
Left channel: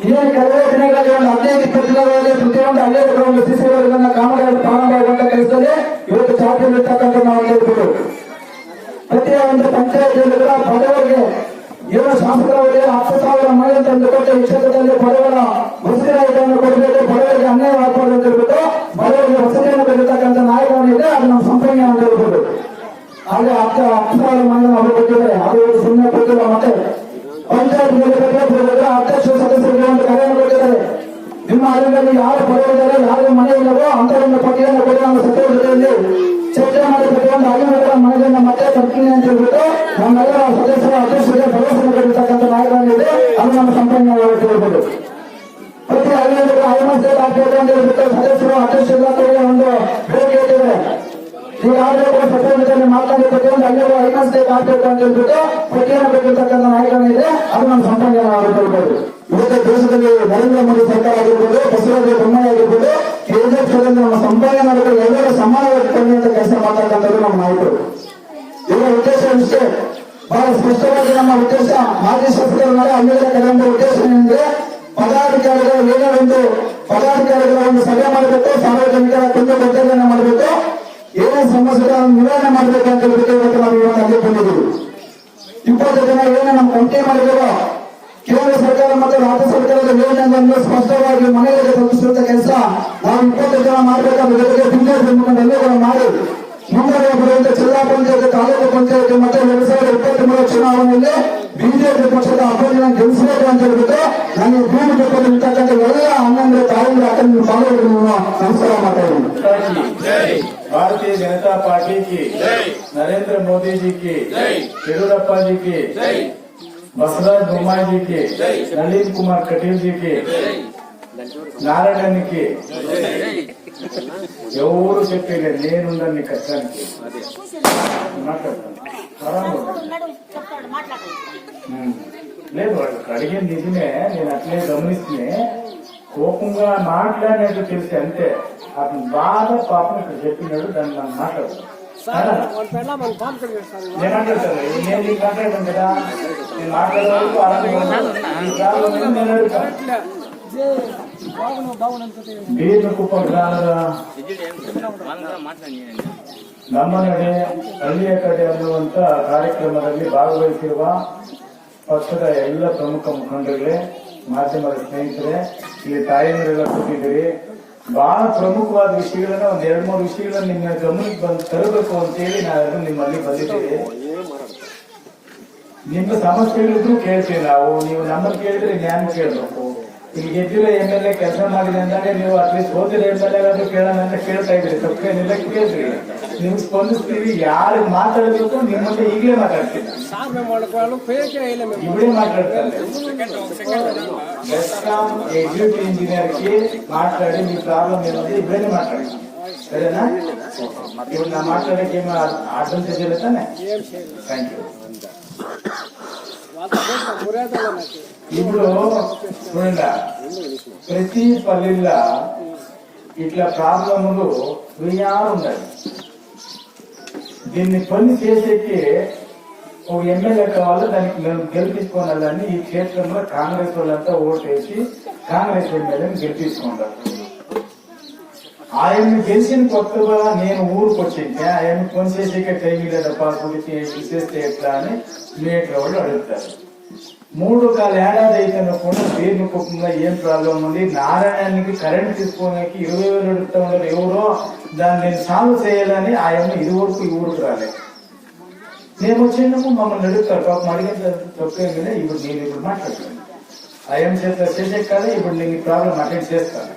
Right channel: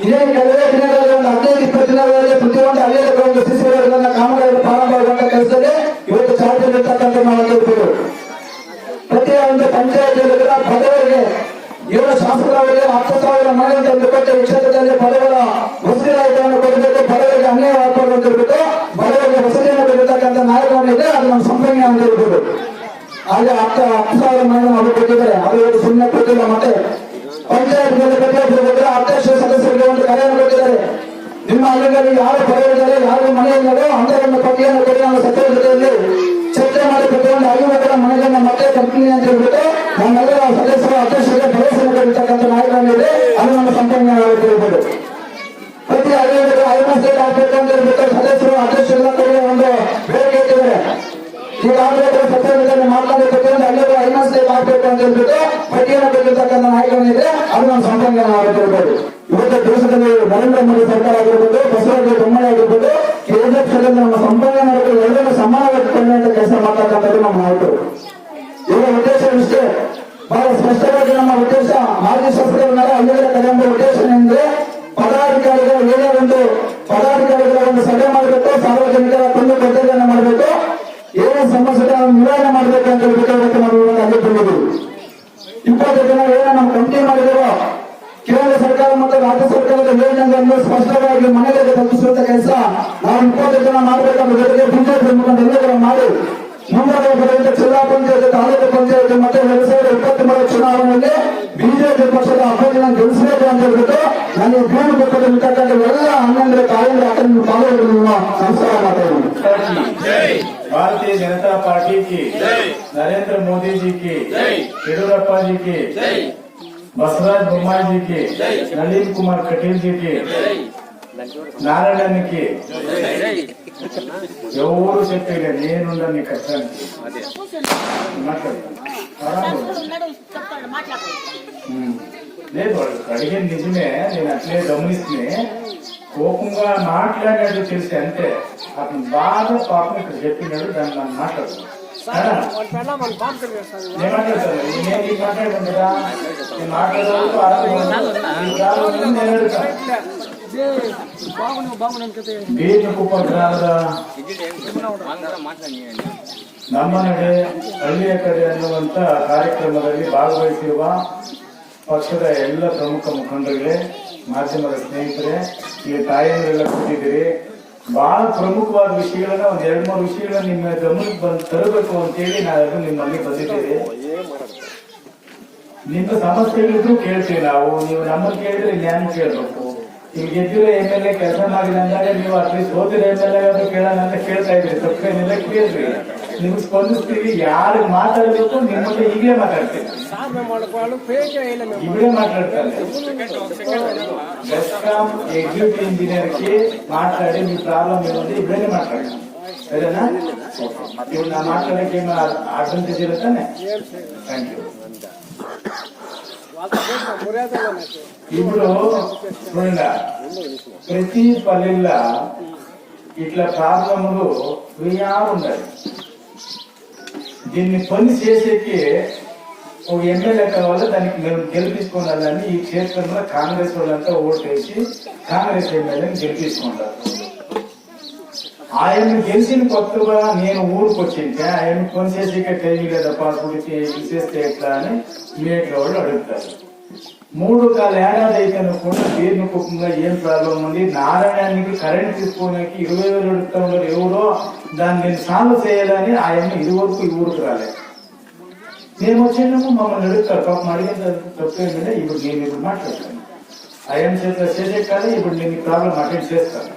ಇದೇನು ಕೆಲವೇ ದಿನಗಳಲ್ಲಿ ಒಂದು 15-20 ದಿನಗಳಲ್ಲಿ ಪ್ರತಿಯೊಂದು ಹಳ್ಳಿಯ ಒಂದು ಸಿಸಿ ರೋಡ್ಗಳನ್ನ ಕಾಮಗಾರಿ ಪ್ರಾರಂಭವಾಗುವಂತ ಕೆಲಸದಲ್ಲಿ ಇವತ್ತು ಚಾಲ್ತಿಯಲ್ಲಿರ್ತಕ್ಕಂಥ ನಾವು ಕೇಳ್ಬೋದು. ಪ್ರತಿಯೊಂದು ಪಂಚಾಯತಿಯಲ್ಲಿ ಕೂಡ ಬಡವರಿಗೆ ಏನು ಶಾಸಕರವರಿಗೆ 10,000 ಮನೆ ಅಂತ ಕೊಟ್ಟು ಈ ಕ್ಷೇತ್ರದಲ್ಲಿ ಬಡವರ ವಸತಿ ರಹಿತವನ್ನು ಕೊಡಬೇಕು, ಬಡವರಿಗೆ ಅನ್ಯಾಯವಾಗಬಾರ್ದು ಅಂತ ಹೇಳ್ಬಿಟ್ಟು ಬಡವರಿಗೆ ವಸತಿಯನ್ನು ಕೊಟ್ಟಿರ್ತಕ್ಕಂಥ ನಾಯಕನಿದೆ. ಅದು ನಮ್ಮ ಸಂಪನ್ಮೂಲ ಅಂತ ಹೇಳ್ಬೋದು. ಹಾಗೆ 10,000 ಮನೆ ಅವರು ಕೊಟ್ಟಿದ್ದಾರೆ. ಅದು ಸುಮ್ಮನೆ ಕೊಟ್ಟಿಲ್ಲ. ಮತ್ತೆ ಪಂಚಾಯತ್ ಪ್ರತಿಯೊಬ್ಬರು ಅಧ್ಯಕ್ಷ ಸದಸ್ಯರಿಗೆ ಒಂದು ಕರೆಯನ್ನು ಕೊಟ್ಟಿದ್ದಾರೆ. ನಿಮ್ಮ ಹಳ್ಳಿಗಳಲ್ಲಿ ಯಾರು ಬಡವರಿದ್ದಾರೆ, ಯಾರು ಮನೆ ಇಲ್ಲವೋ ಅಂತರನ್ನ ಪಟ್ಟಿಯನ್ನು ಕೊಡಿ ನಮ್ಮ ಸಚಿವರ ಜೊತೆಯಲ್ಲಿ ಚರ್ಚೆ ಮಾಡಿ ಪ್ರತಿಯೊಂದು ಹಳ್ಳಿಗಳ ಮನೆಗಳನ್ನ ಮತ್ತೆ ಕರ್ತೀನಿ ಅಂತ ಹೇಳ್ಬಿಟ್ಟು ನಮ್ಮೆಲ್ಲರ ಸದಸ್ಯರು ಅಧ್ಯಕ್ಷರಿಗೆ ಭರವಸೆ ಕೊಟ್ಟಿರ್ತಕ್ಕಂಥ ನಾಯಕರಾಗಿದೆ. ಅದು ನಮ್ಮ ಸಂಪನ್ಮೂಲ ಹೇಳ್ಬೋದು. ಪ್ರತಿ ಹಳ್ಳಿಯಲ್ಲಿ ಐಮಸ್ಟೇಟ್ ಆಗ್ಬೇಕು ಅಂತ ಹೇಳ್ಬಿಟ್ಟು ಸದಸ್ಯರು ಅಧ್ಯಕ್ಷರ ಕೂಡ ಒಂದು ಬೇಡಿಕೆ ಇಟ್ಟಿದ್ದಾರೆ. ಈಗಾಗಲೇ ಪ್ರತಿಯೊಂದನ್ನು ಮಾತನಾಡಿ ಪ್ರತಿಯೊಂದು ಹಳ್ಳಿಗಳು ಐಮಸ್ಟೇಟ್ ಆಗ್ಬೇಕು ಅಂತ ಹೇಳ್ಬಿಟ್ಟು ಪಟ್ಟಿಯನ್ನು ಕೊಟ್ಟಿರ್ತಕ್ಕಂಥ ನಾಯಕನಿದೆ. ಅದು ನಮ್ಮ ಸಂಪನ್ಮೂಲ ಹೇಳ್ಬೋದು. ಇವತ್ತು ದೇಶದಲ್ಲಿ ನರೇಂದ್ರ ಮೋದಿ ಸರ್ಕಾರ ಆಗಿರ್ಬೋದು, ಬಸವರಾಜ ಬೊಮ್ಮಾಯಿ ಆಗಿರ್ಬೋದು, ಕೆಜೆಪಿ ಸರ್ಕಾರ ನಮ್ಮ ಸಂಪಾದನೆ ಮಾಡಬೇಕು, ಎಲ್ಲರೂ ಸಮಾನವಾಗಿ ಅಂತ ಕೆಲಸ ಮಾಡ್ತಕ್ಕಂಥದ್ದು ನಮ್ಮ ನಾಯಕರು. ಇವರ ಉದ್ದೇಶ ಇಷ್ಟೇ, ಬಹಳ ಸ್ಪಷ್ಟವಾಗಿ ನಮ್ಮ ಉದ್ದೇಶ ಮಾಜಿ ಶಾಸಕರ ಹಳ್ಳಿಗಳ ಕೆಲವೊಂದು ಉದ್ದೇಶ ಏನೆಂದ್ರೆ ಪದಾಧಿಕಾರಿಗಳು ಏನೇ ಒಂದು ಪದಾಧಿಕಾರಿಗಳ ಒಂದು ಸಭೆ ಮಾಡಬೇಕು, ಸಾರ್ವಜನಿಕರ ಕುಂದು ಕೊರತೆಗಳನ್ನು ಮಾಡಬೇಕು, ಏನೇ ಸಮಸ್ಯೆಗಳನ್ನು ನಿವಾರಣೆ ಮಾಡಬೇಕು ಅಂತ ಹೇಳ್ಬಿಟ್ಟು ಇವತ್ತು ನಾವು ಇವತ್ತು ಅಲ್ಲಿ ಬಂದಿದ್ದೀವಿ. 20 ಜನ ಏನೋ ನಮ್ಮ ಕಂಟಿ ಮಾಡಿದೆವೋ ಕೇಂದ್ರ ಸರ್ಕಾರ ಮತ್ತು ರಾಜ್ಯ ಸರ್ಕಾರದ ಯೋಜನೆಗಳನ್ನು ಸ್ಪಷ್ಟವಾಗಿ ಮನೆಗಳಿಗೆ ತಲುಪಿಸುವಂತ ಕೆಲಸ ನಾವು 20 ಜನ ಮಾಡಬೇಕಾದ ಜೊತೆಗೆ ಬಿಜೆಪಿ ಎಲ್ಲರೂ ಮಾಡಿ ಮುಂದೆ ಬರುವಂತ ಜಿಲ್ಲಾ ಪಂಚಾಯತ್, ತಾಲೂಕು ಪಂಚಾಯತ್ ಮತ್ತೆ 2023 ಚುನಾವಣೆಯಲ್ಲಿ ಬಿಜೆಪಿ ಪಕ್ಷದ ಅಭ್ಯರ್ಥಿಗಳನ್ನು ಗೆಲ್ಲಿಸಬೇಕು ಅಂತ ಹೇಳ್ಬಿಟ್ಟು ನಾನು ಬೀಡು ಪಕ್ಕದಲ್ಲಿ ಇರ್ತಕ್ಕಂಥ ಎಲ್ಲ ಅಣ್ಣಂದ್ರೆ ತಾಯಿಗಳು ಅಕ್ಕಂದ್ರೆ ಪಾಲುಗಳನ್ನು ನಮಸ್ಕಾರ ಮಾಡ್ತಾ भारतीय जनता पार्टी की, नरेंद्र मोदी जी की, येडियुरप्पा जी की, बसवराज बोम्माई जी की, नलिन कुमार कटील जी की, नारायण की ఎవరు చెప్పేది నేనుందని నీ కష్టానికి లేదు. వాళ్ళు అడిగేది నిజమే, నేను అట్లే గమనిస్తున్నా. కోపంగా మాట్లాడినట్టు తెలిసి అంతే. అతను బాగా పాపం ఇక్కడ చెప్పినాడు, దాన్ని మనం మాట్లాడతాం. నేను మాట్లాడతాను, నేను నీకు మాట్లాడాను కదా, నేను ಬೀರ್ನಕುಪ್ಪ ಗ್ರಾಮದ ನಮ್ಮ ನಡೆ ಹಳ್ಳಿಯ ಕಡೆ ಅನ್ನುವಂತ ಕಾರ್ಯಕ್ರಮದಲ್ಲಿ ಭಾಗವಹಿಸಿರುವ ಪಕ್ಷದ ಎಲ್ಲ ಪ್ರಮುಖ ಮುಖಂಡರಿಗೆ ಮಾಧ್ಯಮದ ಸ್ನೇಹಿತರೆ, ಈಗ ತಾಯಂದಿರೆಲ್ಲ ಕೂತಿದ್ದೀರಿ. ಬಹಳ ಪ್ರಮುಖವಾದ ವಿಷಯಗಳನ್ನ ಒಂದ್ 2-3 ವಿಷಯಗಳನ್ನ ನಿಮ್ಮ ಗಮನಕ್ಕೆ ಬಂದು ತರಬೇಕು ಅಂತೇಳಿ ನಾನು ನಿಮ್ಮಲ್ಲಿ ಬಂದಿದ್ದೀರಿ. ನಿಮ್ಮ ಸಮಸ್ಯೆಗಳಿದ್ರು ಕೇಳ್ತೀವಿ ನಾವು. ನೀವು ನಮ್ಮನ್ನು ಕೇಳಿದ್ರೆ ಜ್ಞಾನ ಕೇಳಬೇಕು. ಈಗ ಗೆದ್ದಿರೋ MLA ಕೆಲಸ ಮಾಡಿಲ್ಲ ಅಂದಾಗ ನೀವು ಅಟ್ಲೀಸ್ಟ್ ಓದಿರೋ MLA ಆದ್ರೂ ಕೇಳೋಣ ಅಂತ ಕೇಳ್ತಾ ಇದ್ರಿ. ತಪ್ಪೇನಿಲ್ಲ, ಕೇಳ್ರಿ. ನೀವು ಸ್ಪಂದಿಸ್ತೀವಿ. ಯಾರು ಮಾತಾಡಬೇಕು ನಿಮ್ಮಲ್ಲಿ ಈಗಲೇ ಮಾತಾಡ್ತೀವಿ, ಇವರೇ ಮಾತಾಡ್ತಾರೆ. ಬೆಸ್ಕಾಂ ಎಕ್ಸಿಕ್ಯೂಟಿವ್ ಇಂಜಿನಿಯರ್ಗೆ ಮಾತಾಡಿ మీ ಪ್ರಾಬ್ಲಮ್ ಏನಂದ್ರೆ ಇವರೇ ಮಾತಾಡಿ, ಸರಿನಾ? ಇವ್ರನ್ನ ಮಾತಾಡಕ್ಕೆ ಏನು ಅಡ್ವಾಂಟೇಜ್ ಇಲ್ಲ ತಾನೆ? Thank you. ఇప్పుడు చూడండి, ప్రతి పల్లెల్లో ఇట్లా ప్రాబ్లములు ఉండాలి. దీన్ని పని చేసేకి ఒక ఎమ్మెల్యే కావాలి, దానికి మేము గెలిపించుకోవాలని ఈ క్షేత్రంలో కాంగ్రెస్ వాళ్ళంతా ఓటేసి కాంగ్రెస్ ఎమ్మెల్యేని గెలిపించుకుంటారు. ఆయన్ని గెలిచిన కొత్తగా నేను ఊరికి వచ్చింటే ఆయన్ని పని చేసి ట్రైనింగ్ లేదప్ప గురించి చేస్తే ఎట్లా అని మేట్లో వాళ్ళు అడుగుతారు. 3 ఏడాది అయితే కూడా దీర్ఘముఖంగా ఏం ప్రాబ్లం ఉంది, నారాయణానికి కరెంట్ తీసుకోవడానికి 20,000 అడుగుతా ఉన్నారు. ఎవరో దాన్ని సాల్వ్ చేయాలని ఆయన్ని ఇదివరకు ఈ ఊరికి రాలేదు. మేము వచ్చినప్పుడు మమ్మల్ని అడుగుతారు. పాపం అడిగిన తప్పేమిలే. ఇప్పుడు నేను ఇప్పుడు మాట్లాడతాను, ఆయన చేసే కాదు. ఇప్పుడు నేను ఈ ప్రాబ్లం అటెండ్ చేస్తాను.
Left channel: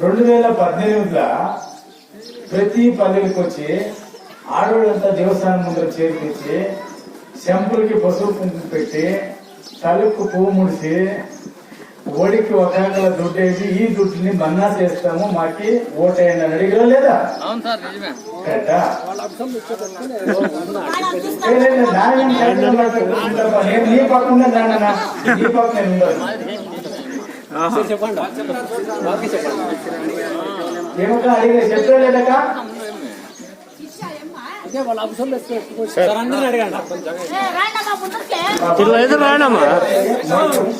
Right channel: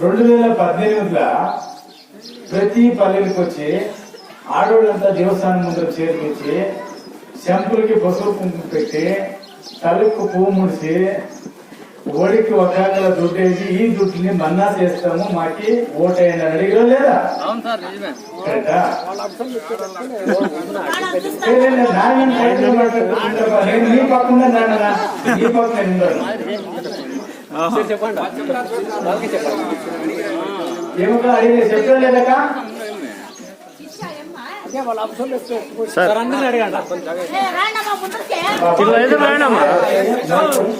2018లో ప్రతి పల్లెలకు వచ్చి ఆడవాళ్ళంతా దేవస్థానం ముందర చేర్పించి శంపులకి పసుపు కుంకుమ పెట్టి తలకు పువ్వు ముడిసి ఓడికి ఒక దుడ్డేసి ఈ దుడ్డుని మన్నా చేస్తాము, మాకి ఓటేయండి అని అడిగిరా లేదా? కరెక్టా? నేను నీ పక్కన నాన్న నీ పక్కన ఏమో అడిగి చెప్పలేదక అందరిని అడగండి.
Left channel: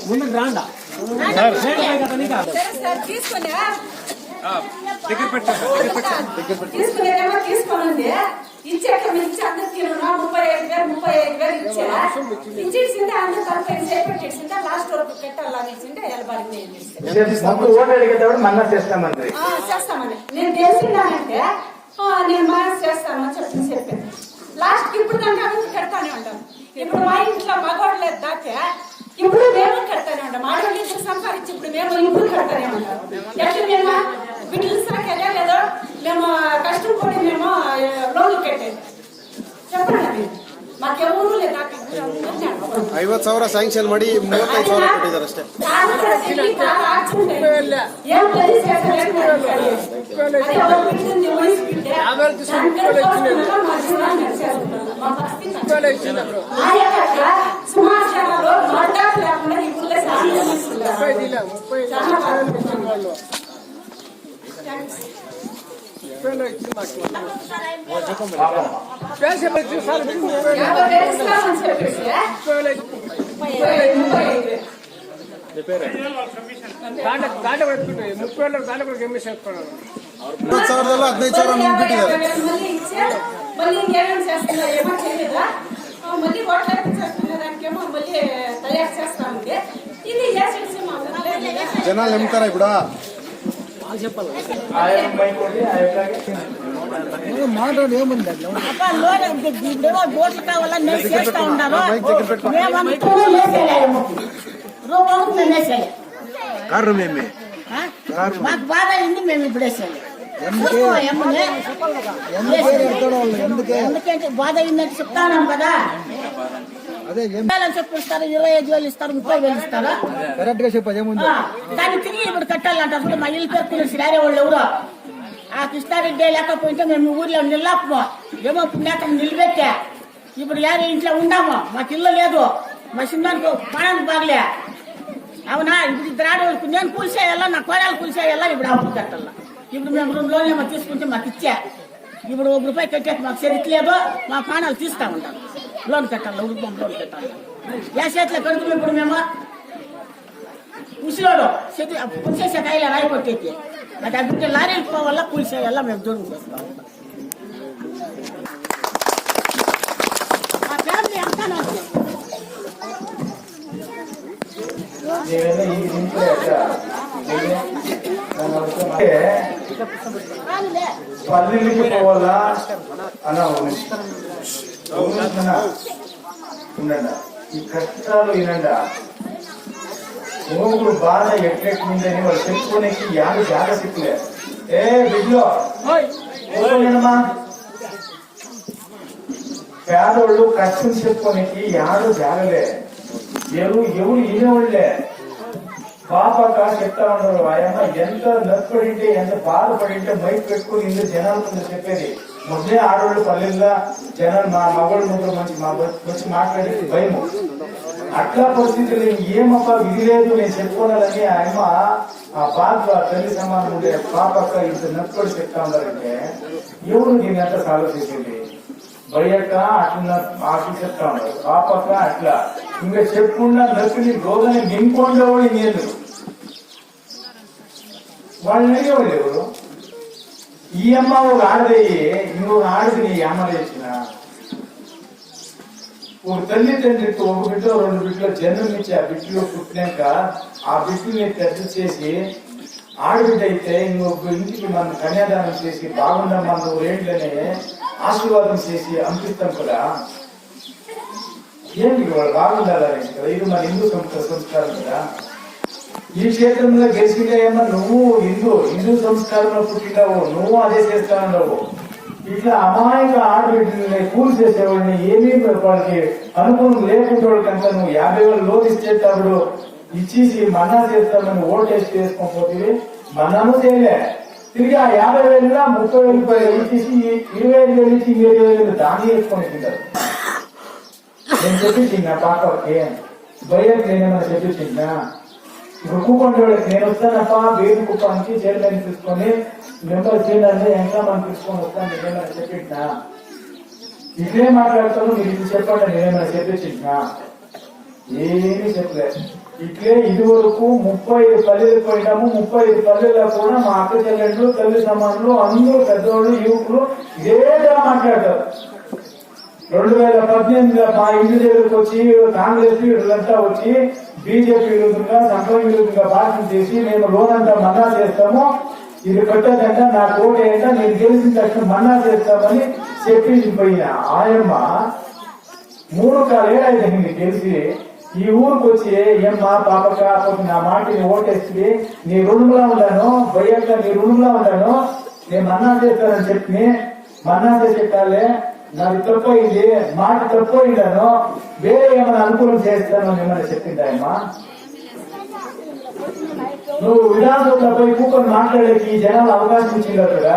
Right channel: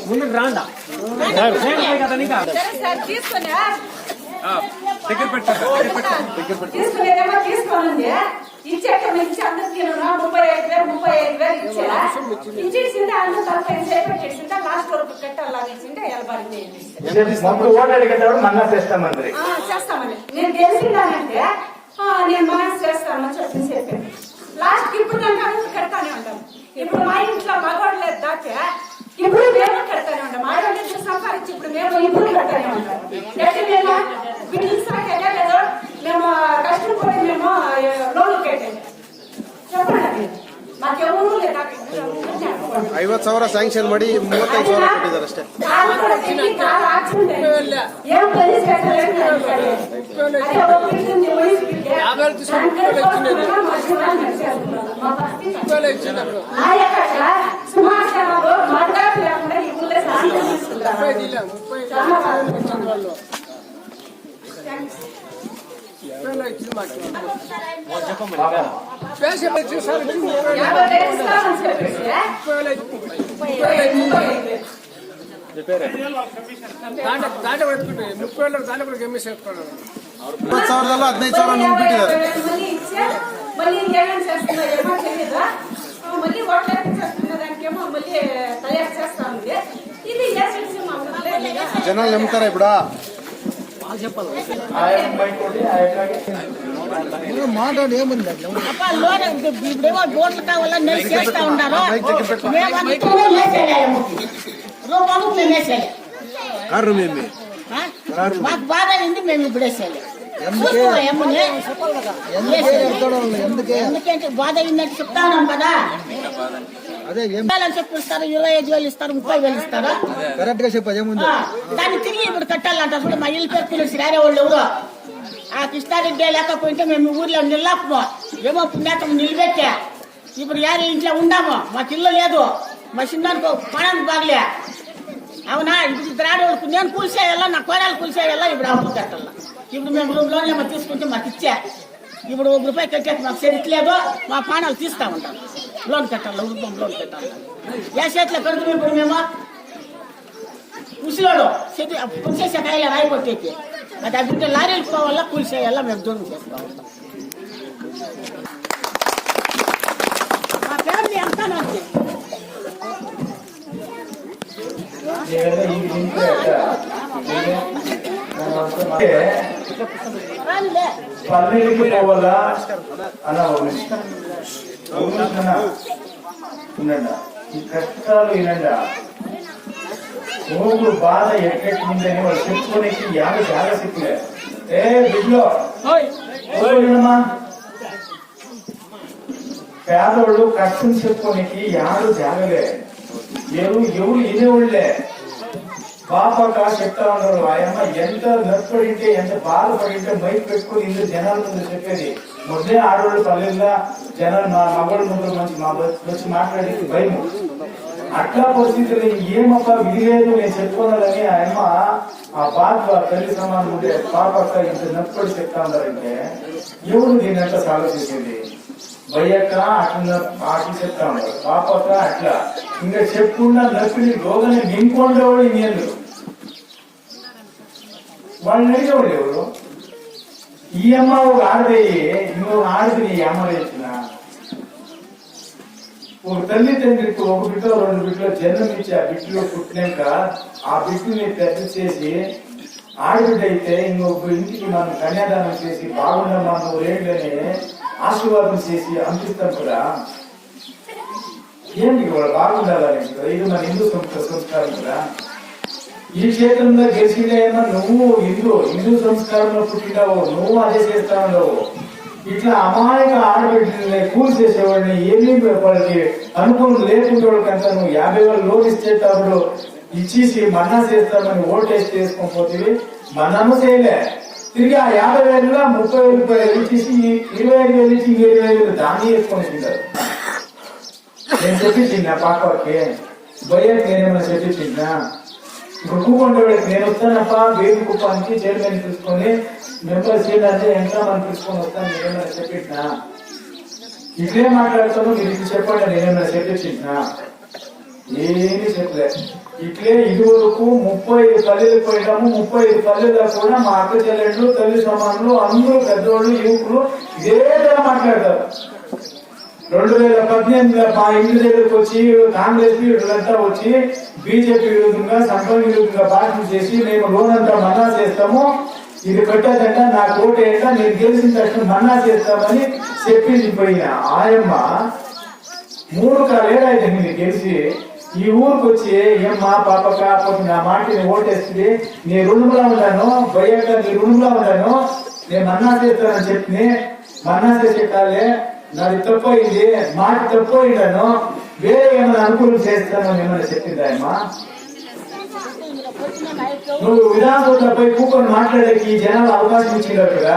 ముందుకు రాండా తీసుకునేదేమో తీసుకోనండి. ఇచ్చాక ఇచ్చి అందరికి 35,000 ఇచ్చా ఇచ్చేసింటే అందరూ 45 చేపట్టేసింటే లాస్ట్ వరకు కట్టాలని ఇచ్చింటే ఎలబారింది చేస్తామని నేను గెలిచిందానంటే నేను మేనేజ్ చేస్తాను అని చెప్పాను. లాస్ట్ ఇప్పుడు కంటే అందరూ కడతానే ఉంటాం. ఇప్పుడు మా ఇంట్లో మగవాడు లేదు దాకా ఇప్పుడు మేము కడతానే ఉంటాం. ఆడవాళ్ళు ఇద్దరు సంపాదించి ఇప్పుడు మేము ఇప్పుడు కడతానే ఉంటాం. ఎట్లా మేము బిడ్డలు సాకేదే లేదో మేము కష్టపడి మేము లోన్లు కట్టేది చెప్పండి. ಮಾಕೆವೂರು ಇಲ್ಲ ನಾಕೆ 50,000 ಸ್ಯಾಂಕ್ಷನ್ ಮಾಡಿ 35,000 ಕೊಟ್ಟಿದ್ದಾರೆ ಅಷ್ಟೇ. సుమారు జనాలు మాట్లాడి లేకుండా ఇప్పుడు మళ్ళీ ఇంకేమేమి చేస్తున్నారు ఏమో తెలియదా? మళ్ళీ ఓట్లు చేస్తున్న దానికేమో మళ్ళీ తయారు చేస్తా ఉంది. ఇది ఏజెన్సీ మా ఊర్లో జనాలు నమ్ముతారా ఇప్పుడు? మాట ఏముందండి ఇప్పుడేమో ఓట్లు కావాలని నేను చేస్తా ఉన్నారు. మేమంతా రూపం మేము వేసేయాలి. మాకు బాధ అయింది, మేము ఇప్పుడు వేసేయాలి. ఎందుకంటే బాధ అయిందని చెప్తాను కదా. అదే చెప్పిస్తారు, 25,000 ఇస్తారు, 30,000 ఇస్తారు. కరెక్ట్ గా చెప్పదు ఏముంది. దాన్ని తిరిగి ఇప్పుడు కట్టాలంటారు. చూడ మా ఇల్లు పేరు పిలిచి రారే వాళ్ళు ఎవరో ఆ కృష్ణారెడ్డి లేకపోయింటే మేము ఊర్లో నిల్లాపము ఏమో పుణ్యాతం నిలబెట్టా. ఇప్పుడు యారు ఇంట్లో ఉండాము, మాకు ఇల్లు లేదు, మా చిన్నానికి పడానికి బాగలే. అవునా? ఇప్పుడు ఇద్దరు ఆడవాళ్ళకు నేను కూల్చేయాలా, నా కోడలు కూల్చేయాలా, ఇప్పుడు అప్పు కట్టాలా. ఇప్పుడు మేము 2 లోన్లు ఏమో తీసుకుంటే మాకు ఇచ్చా. ఇప్పుడు ₹1 కట్టేసి మాకు సరిట్లేదు, మా ప్రాణాలు తీస్తా ఉంటాం. లోన్ కట్టాలి, రూపం లోన్ కట్టాలి. ఏ చేతిలో పెడుతున్నాం ఇప్పుడు మేము? ముసలోడు పులిసేసే కాయలు రాయి కొట్టేసి అది అభివృద్ధి లారీలు పోవాలా, కూల్చేయాలా, మేము దూరం చేస్తా ఉంటాం. మా ఫ్యామిలీ అంతా పల్లెలకి పోవాలా అలా ఉండండి. ఈ కష్టాలు వినండి. ఊరు బాధ ఎట్లెట్లుందని వాళ్ళు చెప్పుకోనికి యాభై చాలా సిక్కులే. ఏ బిడ్డలో వినమ్మా, పేదవాళ్ళు కష్టం చెప్పుకోనికి యాడు జాగలే, ఎవరు వినేవాళ్లే. పాపక చెప్తా ఉన్నారు, ఆయమ్మ ఎంత నష్టపడింటే ఎంత బాధపడింటే మైక్ పెట్టుకుని ఇందులో జనాల ముందు చెప్పేది. మొదలే ఆడవాళ్ళు పల్లెలుగా జనాలు మా మగవాళ్ళ ముందు వచ్చి మాట్లాడేది భయము. అట్లా పరిస్థితులు ఏమప్ప విధి లేదు నేను చెప్పుకోవాలని ఆయమ్మ ఆ బాధ తల్లి సమానం ఉంటే పాపక్క ఇంత నష్టపడి చెప్తా ఉన్నారంటే ఎవరు దీని అంతా ఆలోచించింది. భయ్యక్క అట్లా అట్లా చెప్తా ఉన్నారు, పాపక్క అట్లా ఇంకా చెప్పకుండా నొప్పిని రోగాన్ని నింపుకుండా కూడా ఇంకేందు వాళ్ళని అడిగేవాళ్ళు ఎవరు. ఈ అమ్మ ఒక ఆడదయ్యి ఇంకొక ఆడది ఈ అమ్మ చేసిన ఒక తల్లి తండ్రికి ఒక బిడ్డ రెండు బిడ్డలు జన్మనిచ్చి ఆ బిడ్డలో పుట్టినాక ఆ బిడ్డని పెద్ద చేసి ఆడబిడ్డ అయితే ఇంకొక ఇంటికి మనం కన్యాదానం చేసి బాగుండమ్మా నువ్వు రేట్లని ఆశీర్వాదం చేసి అందిస్తాం కదా. ఏంటి వాళ్ళు బాగుండాలని కదా, ఇది మన హిందూ సంస్కారం కదా. ఈ క్షేత్రంలో గెలిచినాయన్నా నువ్వు హిందూ సంస్కారంలో పుట్టినావు, నువ్వు అదే చేస్తావు. ఇట్లా అమాయక ఆడబిడ్డల్ని కూల్ చేసేవాడిని ఏమీ వాళ్ళకి అనుకూలం లేకుండా నువ్వు 50,000 లోన్ ఇచ్చేటప్పుడు ఇచ్చేసి మన్నా చేస్తామని ఓటేసి చేసుకోకపోతే మన్నాను చేయలే. తిరిగి ఆ 50,000 30,000 ఇచ్చేసి 25,000 ఇచ్చి 20,000 దాన్ని వేసుకొని తింటారు. నేను చెప్పించింది ఆ పాపకి భయ్యకి నేనేమన్నా చెప్పించిందా, ఇప్పుడు కూపన్ నేను వస్తానప్ప బేబీ కుప్పానికి చైర్మన్ తీసుకొని మెంబర్ చేయాలంటే ఎంతో మనం తీసుకొని వస్తాను నేనేమైనా చెప్పించినా. ఇట్లే మాట్లాడతాము మీరు ఇది చెప్పండి నేనేమైనా చెప్పించినా, ఏమీ చెప్పలేదు. ఇట్లే ఇదివరకు 35 పల్లెలు పోయినాము. 35 పల్లెల్లో కూడా మా అక్క చెల్లెళ్ళు తల్లి సమానులు అందరూ పెద్దవాళ్ళు యువకులు ఇదేగా మాట్లాడతారు. 2018లో మా ఇంటి దగ్గరకు వచ్చి కాంగ్రెస్ వీళ్ళంతా వచ్చి బీజేపీ విరుద్ధంగా సంఘం విరుద్ధంగా భాషణ చేసి మేము లోన్ అంతా మన్నా చేస్తాము, ఇది కట్టేదంట నాకు ఓటు వేయక నేను గెలిచిన తక్షణం మన్నా చేస్తామని చెప్పింది పోయిన ఆయమ్మ 3 కాలేరైంది గెలిచి ఈ ఊరికి వచ్చి ఏమ్మా పాపక నా మాటని ఓటేస్తుంది నీ రుణంలో ఉన్నాను భయ్యక నీ రుణంలో ఉన్నాను నేను మన్నా చేస్తానని చెప్పి మన్నా చేసేటాలే నాది తప్పయింది మాట తప్పయిందాను వేరే ఏమైనా అనుకూలం చేస్తాను ఏమైనా చెప్పింది ఆయమ్మా. నువ్వు విధానసభపై కూకొని మాట్లాడేకి జనాలు అవకాశం ఇచ్చిండారు కదా,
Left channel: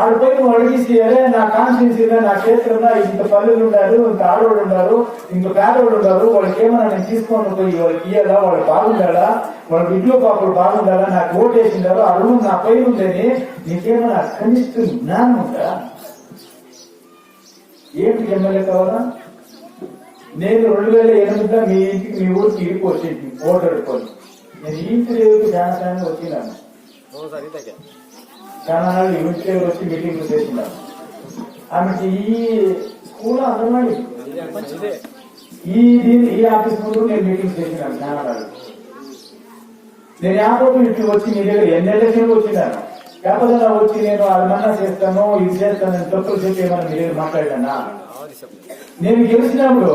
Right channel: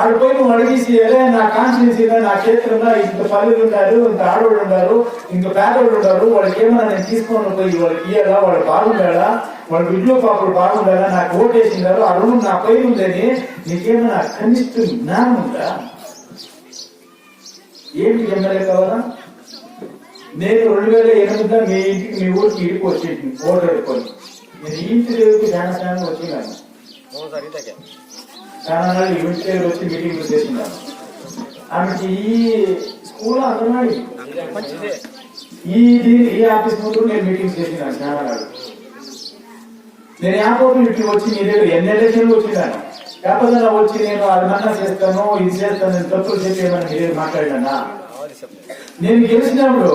ఆడిపోయి నువ్వు అడిగేసి అదే నా కాన్స్టిట్యూన్సీలో నా క్షేత్రంలో ఇంత పల్లెలు ఉన్నారు, ఇంత ఆడవాళ్ళు ఉన్నారు, ఇంత పేదవాళ్ళు ఉన్నారు, వాళ్ళకి ఏమన్నా నేను తీసుకొని పోయి వాళ్ళకి ఇయ్యాలా, వాళ్ళు బాగుండాలా, వాళ్ళ బిడ్డలు పాపలు బాగుండాలా, నాకు ఓటు వేసినారు ఆ రుణం నా పై ఉందని నీకేమన్నా కనిష్ట జ్ఞానం ఉందా? ఏంటి ఎమ్మెల్యే కావాలా? నేను 2008లో మీ ఇంటికి మీ ఊరికి ఇడికి వచ్చేది ఓటు ఎడుకోవాలి. నేను ఇంటి దేవుడికి చాలా వచ్చినాను, చాలా ఇంటి దగ్గర వచ్చి మీటింగ్లు చేసినాను. ఆమెకి ఈ స్కూల్ అంగన్వాడి ఈ ఆఫీస్ ముందు నేను మీటింగ్ చేసినాను చాలా నాడు. నేను యాపోతు ఇంటికి వచ్చి మీ దగ్గర ఎన్ని ఎలక్షన్లు వచ్చినాను, లేకపోతే వచ్చి నేను అది మన్నా చేస్తాను ఇది చేస్తాను తప్పులు చెప్పేమని మీ దగ్గర మాట్లాడినా. నేను గెలిచినప్పుడు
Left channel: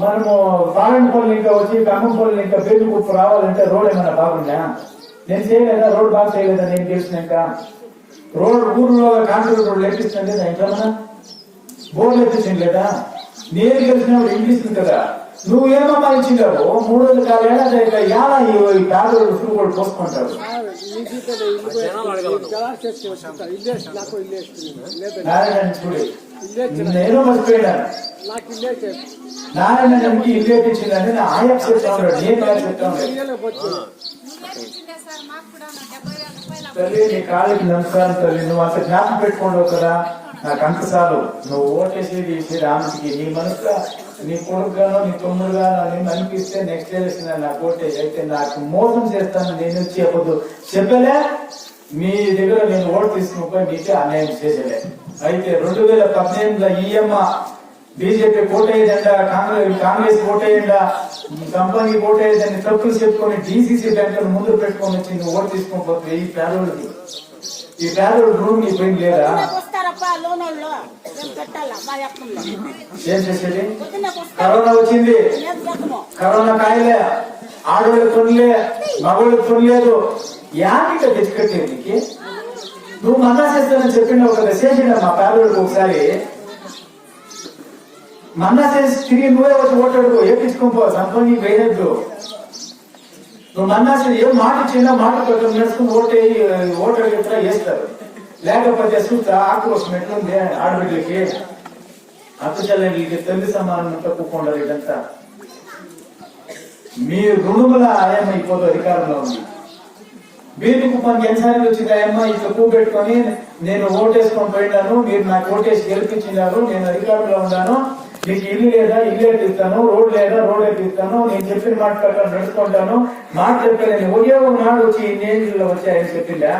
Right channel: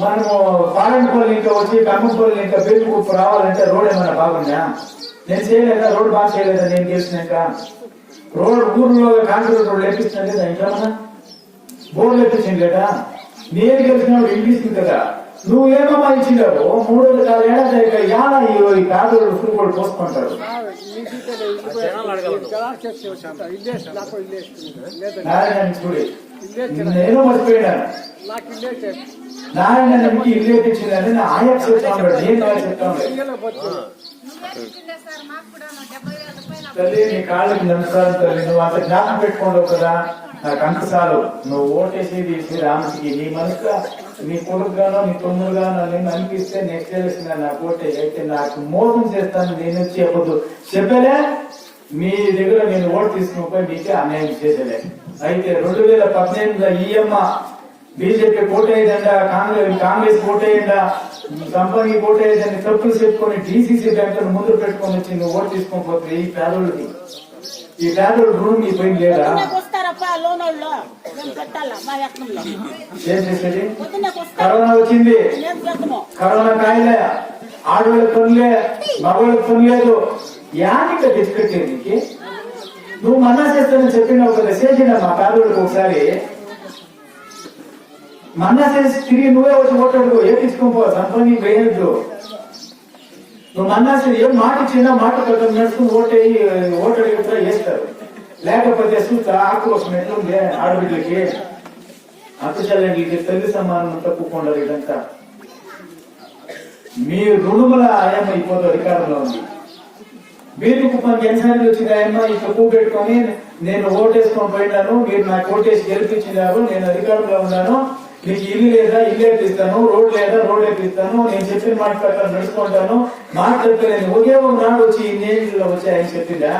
మనము పాలంపల్లి ఇంకా వచ్చి కమ్మంపల్లి ఇంకా పేరుకుప్పు రావాలంటే రోడ్ ఏమన్నా బాగుందా? నేను చేయలేదా? రోడ్ బాగా చేయలేదా? నేను గెలిచినాక రోడ్ ఊర్లో కాంక్రీట్ రోడ్లు ఎక్కించినా లేదా? ఇంకేమన్నా బోర్లు ఎక్కించింది లేదా? నేను గెలిచినప్పుడు ఇంగ్లీష్ కదా, నువ్వేమమ్మా ఇచ్చిండావు 3 ఏడాది యాలా ఈ పేదలు ఉసురు కూడా పోసుకుంటారు. నారాయణ చూడి నేను మర్చిపోయినాను, నారాయణ నమ్మికి ఇల్లు ఎక్కించిందని నా ఆయన చెప్తా ఉన్నాడు, నేను కాదు చెప్తా ఉన్నాడు. తల్లి నీ కాళ్ళకి నమస్కారం తల్లి, నువ్వు అంత జ్ఞాపకం పెట్టుకోండి కదా, నాకు అంత చాలు. నువ్వు ఓటేసి రాముడికి నీ మనసుగా నీ కొడుకుగానో నీ తమ్ముడుగానో నేను అనిపిస్తే నెక్స్ట్ ఎలక్షన్ నాకు ఓటేసి అయితే నాకు మోసం చేస్తాను నేను వచ్చి చెప్పదు చెప్పలే. మీ దగ్గర నేను ఓటు తీసుకుని పోయి మీకే అన్యాయం చేసేలే. అయితే 2018లో ఈయమ్మ బీజేపీ కోటేయదండ, కాంగ్రెస్ కోటేయండ, కంపెనీ కోటేయదని తప్పులు చెప్పుకొని డీసీసీ బ్యాంకులను ముందు పెట్టుకొని వచ్చి నువ్వు ఓటు తీసుకోకపోతే ఈ పేదోళ్ళకి, ఈ పేదోళ్ళు రుణం మీ పైన లేదా? ఏం చేసేది? కరోనా వచ్చింది, కరోనా కాయలే, ఆడోళ్ళకి కొనలే, మగోళ్ళకి కొనలేదు, యానిక తెచ్చిపెట్టేది నీకు? నువ్వు మన్నా చేస్తానని చెప్పిన ఒక మెసేజ్ మా పేదోళ్ళకి ఒకసారి మన్నా చేసి తిరిగి నువ్వే వచ్చి ఓటాడుకో, ఏపించుకోపో, సంపని వేయద్దు. నువ్వు మన్నా ఏం మాట ఇచ్చినా మాట ప్రకారం నడుచుకుని ఓటాడుగుతా వేస్తారు. లేకపోతే చూస్తా ఆక్రోశం ఎట్లుంది ఆడబిడ్డలకి, అత్తచెల్లెళ్ళకి, తల్లి సమానం తప్పుకుంటారు. ఇదంతా మీ రుణముల ఆయమ్మ ఇప్పుడు అధికారంలో ఉంది. వీరికి మనకి ఎన్నిసార్లు వచ్చింది ఆయమ్మ ఈ తక్కువ పెట్టుకొని నేను ఓటేసుకొని పోయినాను, మీరు నాకు ఓటేసి గెలిపించినారు, నేను అధికారంలో ఉన్నాను, నీకు ఇల్లు లేదా ఇల్లు ఎట్టిస్తాను, రోడ్ లేదా రోడ్ ఎట్టిస్తాను, నేను చెప్పిన మాట ప్రకారం నడుచుకుంటాను, మాట చెప్పలేను. ఒకే ఒక నాడు వచ్చి ఇన్నేళ్ళలో వచ్చి ఆయన చెప్పిందా?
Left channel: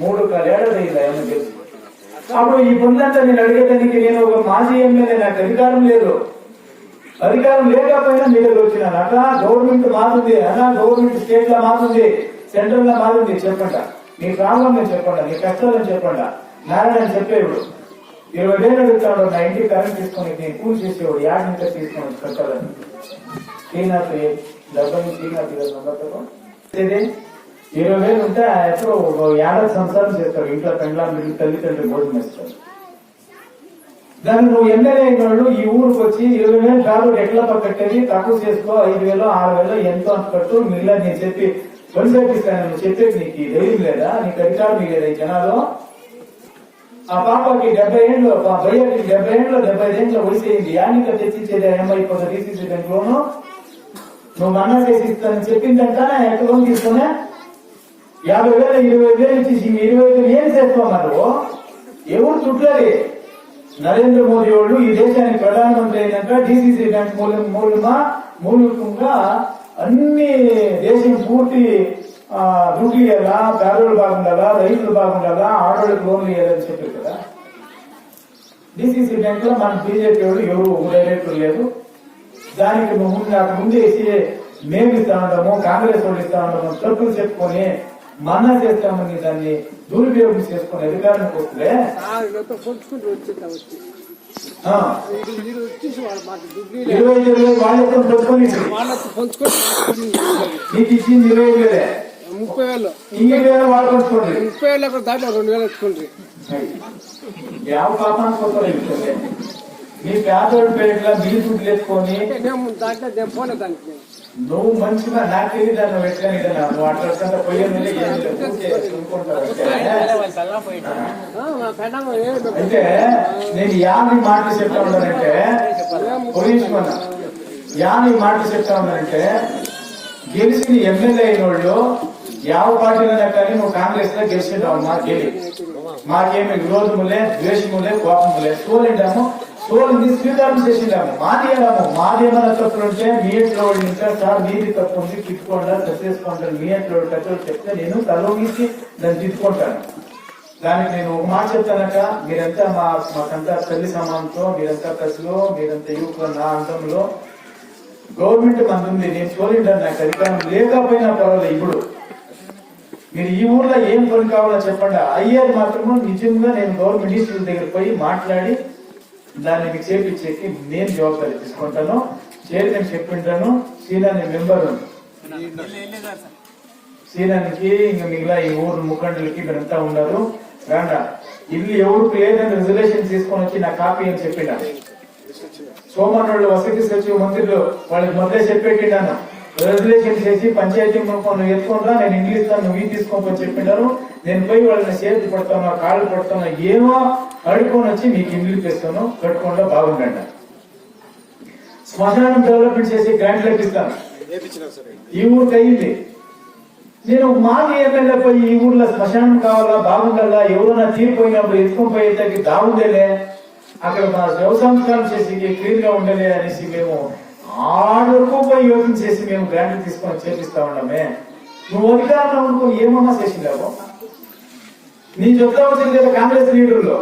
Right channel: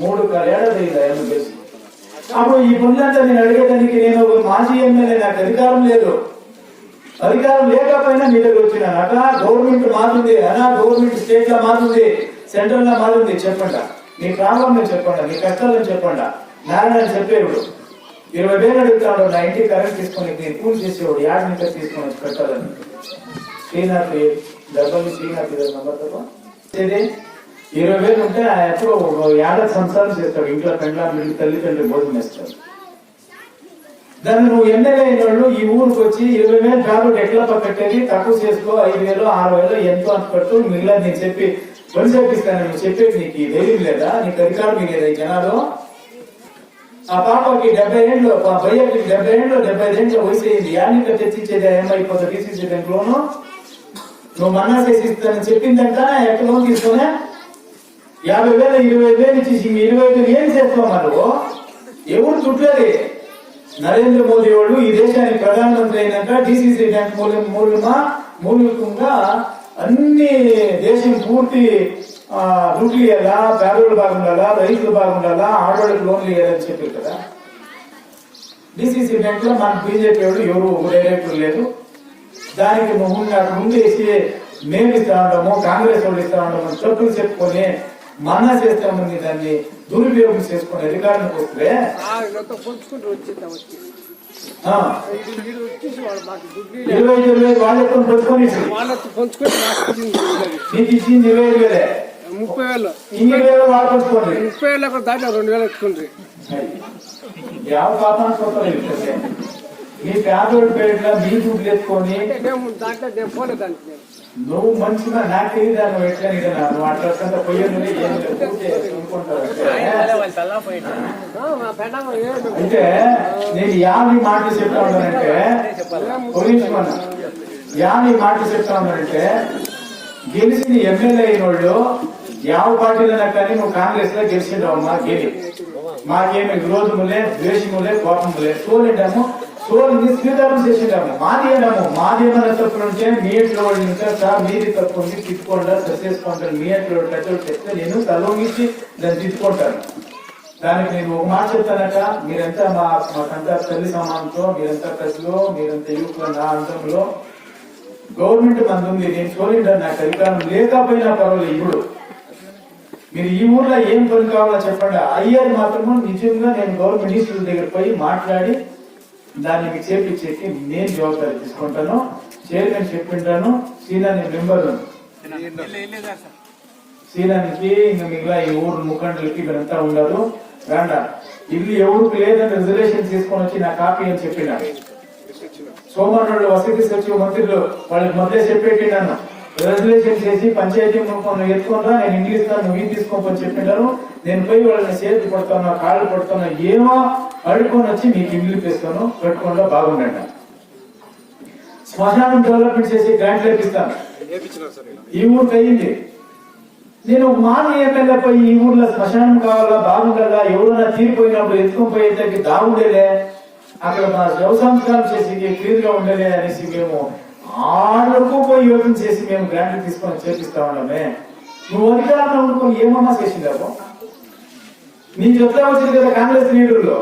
3 ఏడాది ఆయన తెలిసి. అప్పుడు ఈ పనులంతా నేను అడిగేదానికి నేను ఒక మాజీ ఎమ్మెల్యే, నాకు అధికారం లేదు. అధికారం లేకపోయినా మీ దగ్గర వచ్చినా అనగా గవర్నమెంట్ మారుతుంది, గవర్నమెంట్ స్టేట్ లో మారుతుంది, సెంట్రల్ లో మారుతుంది. చెప్పండి నీ ప్రాబ్లం నేను చెప్పండి, నీ కష్టాలను చెప్పండి. నారాయణ చెప్పేవాడు 20,000 అడుగుతాడు, నా ఇంటికి కరెంట్ తీసుకొని నేను పూజ చేసేవాడు, 50 నుంచి తీసుకొని కట్టాలని. శ్రీనాథ్ డబ్బులు శ్రీనాథ్ 20,000 ఉంటే ఎప్పుడో 50 సంవత్సరాలు చేస్తాడు. ఇంట్లో పెండ్లాన్ని తల్లిదండ్రులు భోజనం ఇస్తాడు. దాన్ని నువ్వు ఎమ్మెల్యే అయిన వాళ్ళు ఈ ఊరికి వచ్చి 20,000 కాదు ఎట్లా కట్టేది, తక్కువ చేసుకో, 5,000 6,000 ఎంతో అంత కట్టు, మిగిలిన నేను చెప్పి పని చేపిస్తాను. నువ్వు చెప్పేది నీకు ధైర్యం లేదా? నీకు అధికారం లేదా ఈ జనాలు? ఆ పాపకి 70 ఏళ్ళు, ఆ భయ్యకి 70 ఏళ్ళు, 75 ఏళ్ళ వయసు అయింది. యానిక తెచ్చిచ్చేది ఏమైపోతుంది? డీసీసీ బ్యాంక్ లోను నువ్వు మన్నా చేసి ఇస్తానని చెప్పిందంట. ఎక్కడ లోన్ తీసుకునే 50,000 25,000 ఇచ్చి 25,000 ఏం చేస్తావు? ఎవరు చుట్టలేదు. నరేంద్ర మోదీ వాళ్ళు ఈ దేశానికి ప్రధానమంత్రి అయినాక డీసీసీ బ్యాంక్ మూలికంగా అన్ని దేశం పూర్తి దుడ్లు ఇవ్వాలా, పేదోళ్ళు బాగుండాలా, రైతులు బాగుండాలా, ఆడోళ్ళకి లోన్లు ఇవ్వాలని చెప్పారు కదా. డీసీసీ బ్యాంక్ లో మన బీజేపీ వాళ్ళు ఎవరు డైరెక్టర్ లేదు. దానికి ముందేసి మేము ఇస్తా ఉంటాము, కాంగ్రెస్ వాళ్ళు ఇస్తా ఉంటాము, తప్పులు చెప్పుకొని మన్నా చేస్తామని దాన్ని దురుపయోగం చేసుకుని అధికారానికి వస్తే 25,000 వాళ్ళతో పెట్టుకొని నీకు ఇచ్చింది 25,000, 30,000 20,000 వాళ్ళు పంచుకోండి. 30,000 దాంట్లో 2,000 ఎత్తుకుండ్రి. ಯಾವ పాపాన్ని పోతారు? మీ పేదోడి పేరుగా మీ దుడ్లు ఎత్తుకొని నువ్వు మంచిగా నాకు తెలియదా నువ్వు ఎట్లా నువ్వు అట్లా పోయేది అయితే నేను యాని మాటలు చెప్తా ఉన్నానంటే యాని మాటలు చెప్తా ఉన్నానంటే గెలిచిన ఎమ్మెల్యే అయిన వాళ్ళు ಯಾವ పార్టీలైనా కానీ నువ్వు కాంగ్రెస్ లో గెలిచిండావు. మాకేమి విరోధములే, ద్వేషములే, కోపములే. సోలిండాము, సోలింది స్వీకారం చేసిండాము. మాదేమైనా తప్పులుంటే మీ ఇంట్లో వాళ్ళు ఉంటే సార్ మీది తప్పు ఉంది తిట్టుకోండా, సరిచేసుకుంటాను. మీ ఇంట్లో పెద్దలు చెప్తే నేను తలొంగిసి దాన్ని తిట్టుకుంటాను. దానికి నేను ఒక మాట చెప్తానక, మీరంతా మాకంతా తల్లి సమానంతో, మీరంతా ప్రజలు, మీరంతా యువకులు, నా అంతంలో గవర్నమెంట్ మంది నేను సోలిండా, నాకు అధికారం లేకపోయినా పర్వాలేదు. ఇప్పుడు మీరు ఈ ఊర్లో ఏం పని కావాలో చెప్పండి, అయ్యేది మాత్రము నిజంగా నేను గవర్నమెంట్ మినిస్టర్ దగ్గర పోయి మాట్లాడి దాన్ని మీకు చేపించేసి నేను జవాబాదారి తీసుకుంటాను. చైర్మన్ చెప్పింటాను, సీనాని మెంబర్ సీనానికి ఇంక మిగిలిన ఈ ఊరు ముఖండులకి మీరంతా ఉన్నారు. వేండ ఇల్లు ఎవరికి లేదని రిజర్వేషన్ తీసుకొని వచ్చి నా కాపీ అని చెప్పినాను. సోమవారం వసతి సచివ మంత్రులు వాళ్ళకి మొదలే చెప్పేటిన్నాను. రిజర్వేషన్ చేసి పంచాయతీ ఎత్తుకుంటా, నేను ఇంగ్లీష్ ఇస్తాను, నువ్వు తీసుకోమని చెప్పినారు. నేను పోయి వాళ్ళని చేతి పడుతున్నా, కాళ్ళు పడుతున్నా, ఏమో అడుకొని వచ్చి మీకు ఇల్లు తెస్తాను, పెట్టుకుండా బాగుండండి. శ్మశానం డెవలప్మెంట్ చేసి గ్రాంట్ లేపిస్తాను. ఈ ఊరికి అయ్యింది. నేను మాజీ ఎమ్మెల్యే పోయి ఈ ఊర్లో శ్మశానం కావాలా, బాగుండాలా, ఎవరైనా తీరిపోయినప్పుడు ఎత్తుకొని పోయేసరికి బాగుండేలే, అక్కడ మా శవ సంస్కారం చేసి క్లీన్ గా ఉండలే అనేసి మేము ఆళ్ళకు పోయి యోగం చేసి మేము గ్రాంట్ తీసుకొని చేపిస్తా ఉండమే. నువ్వు అధికారంలో ఉండుకొని ఏమన్నా చేసిందావు? నేను చెప్తా వచ్చింది కదా కాంగ్రెస్ లీడర్లో,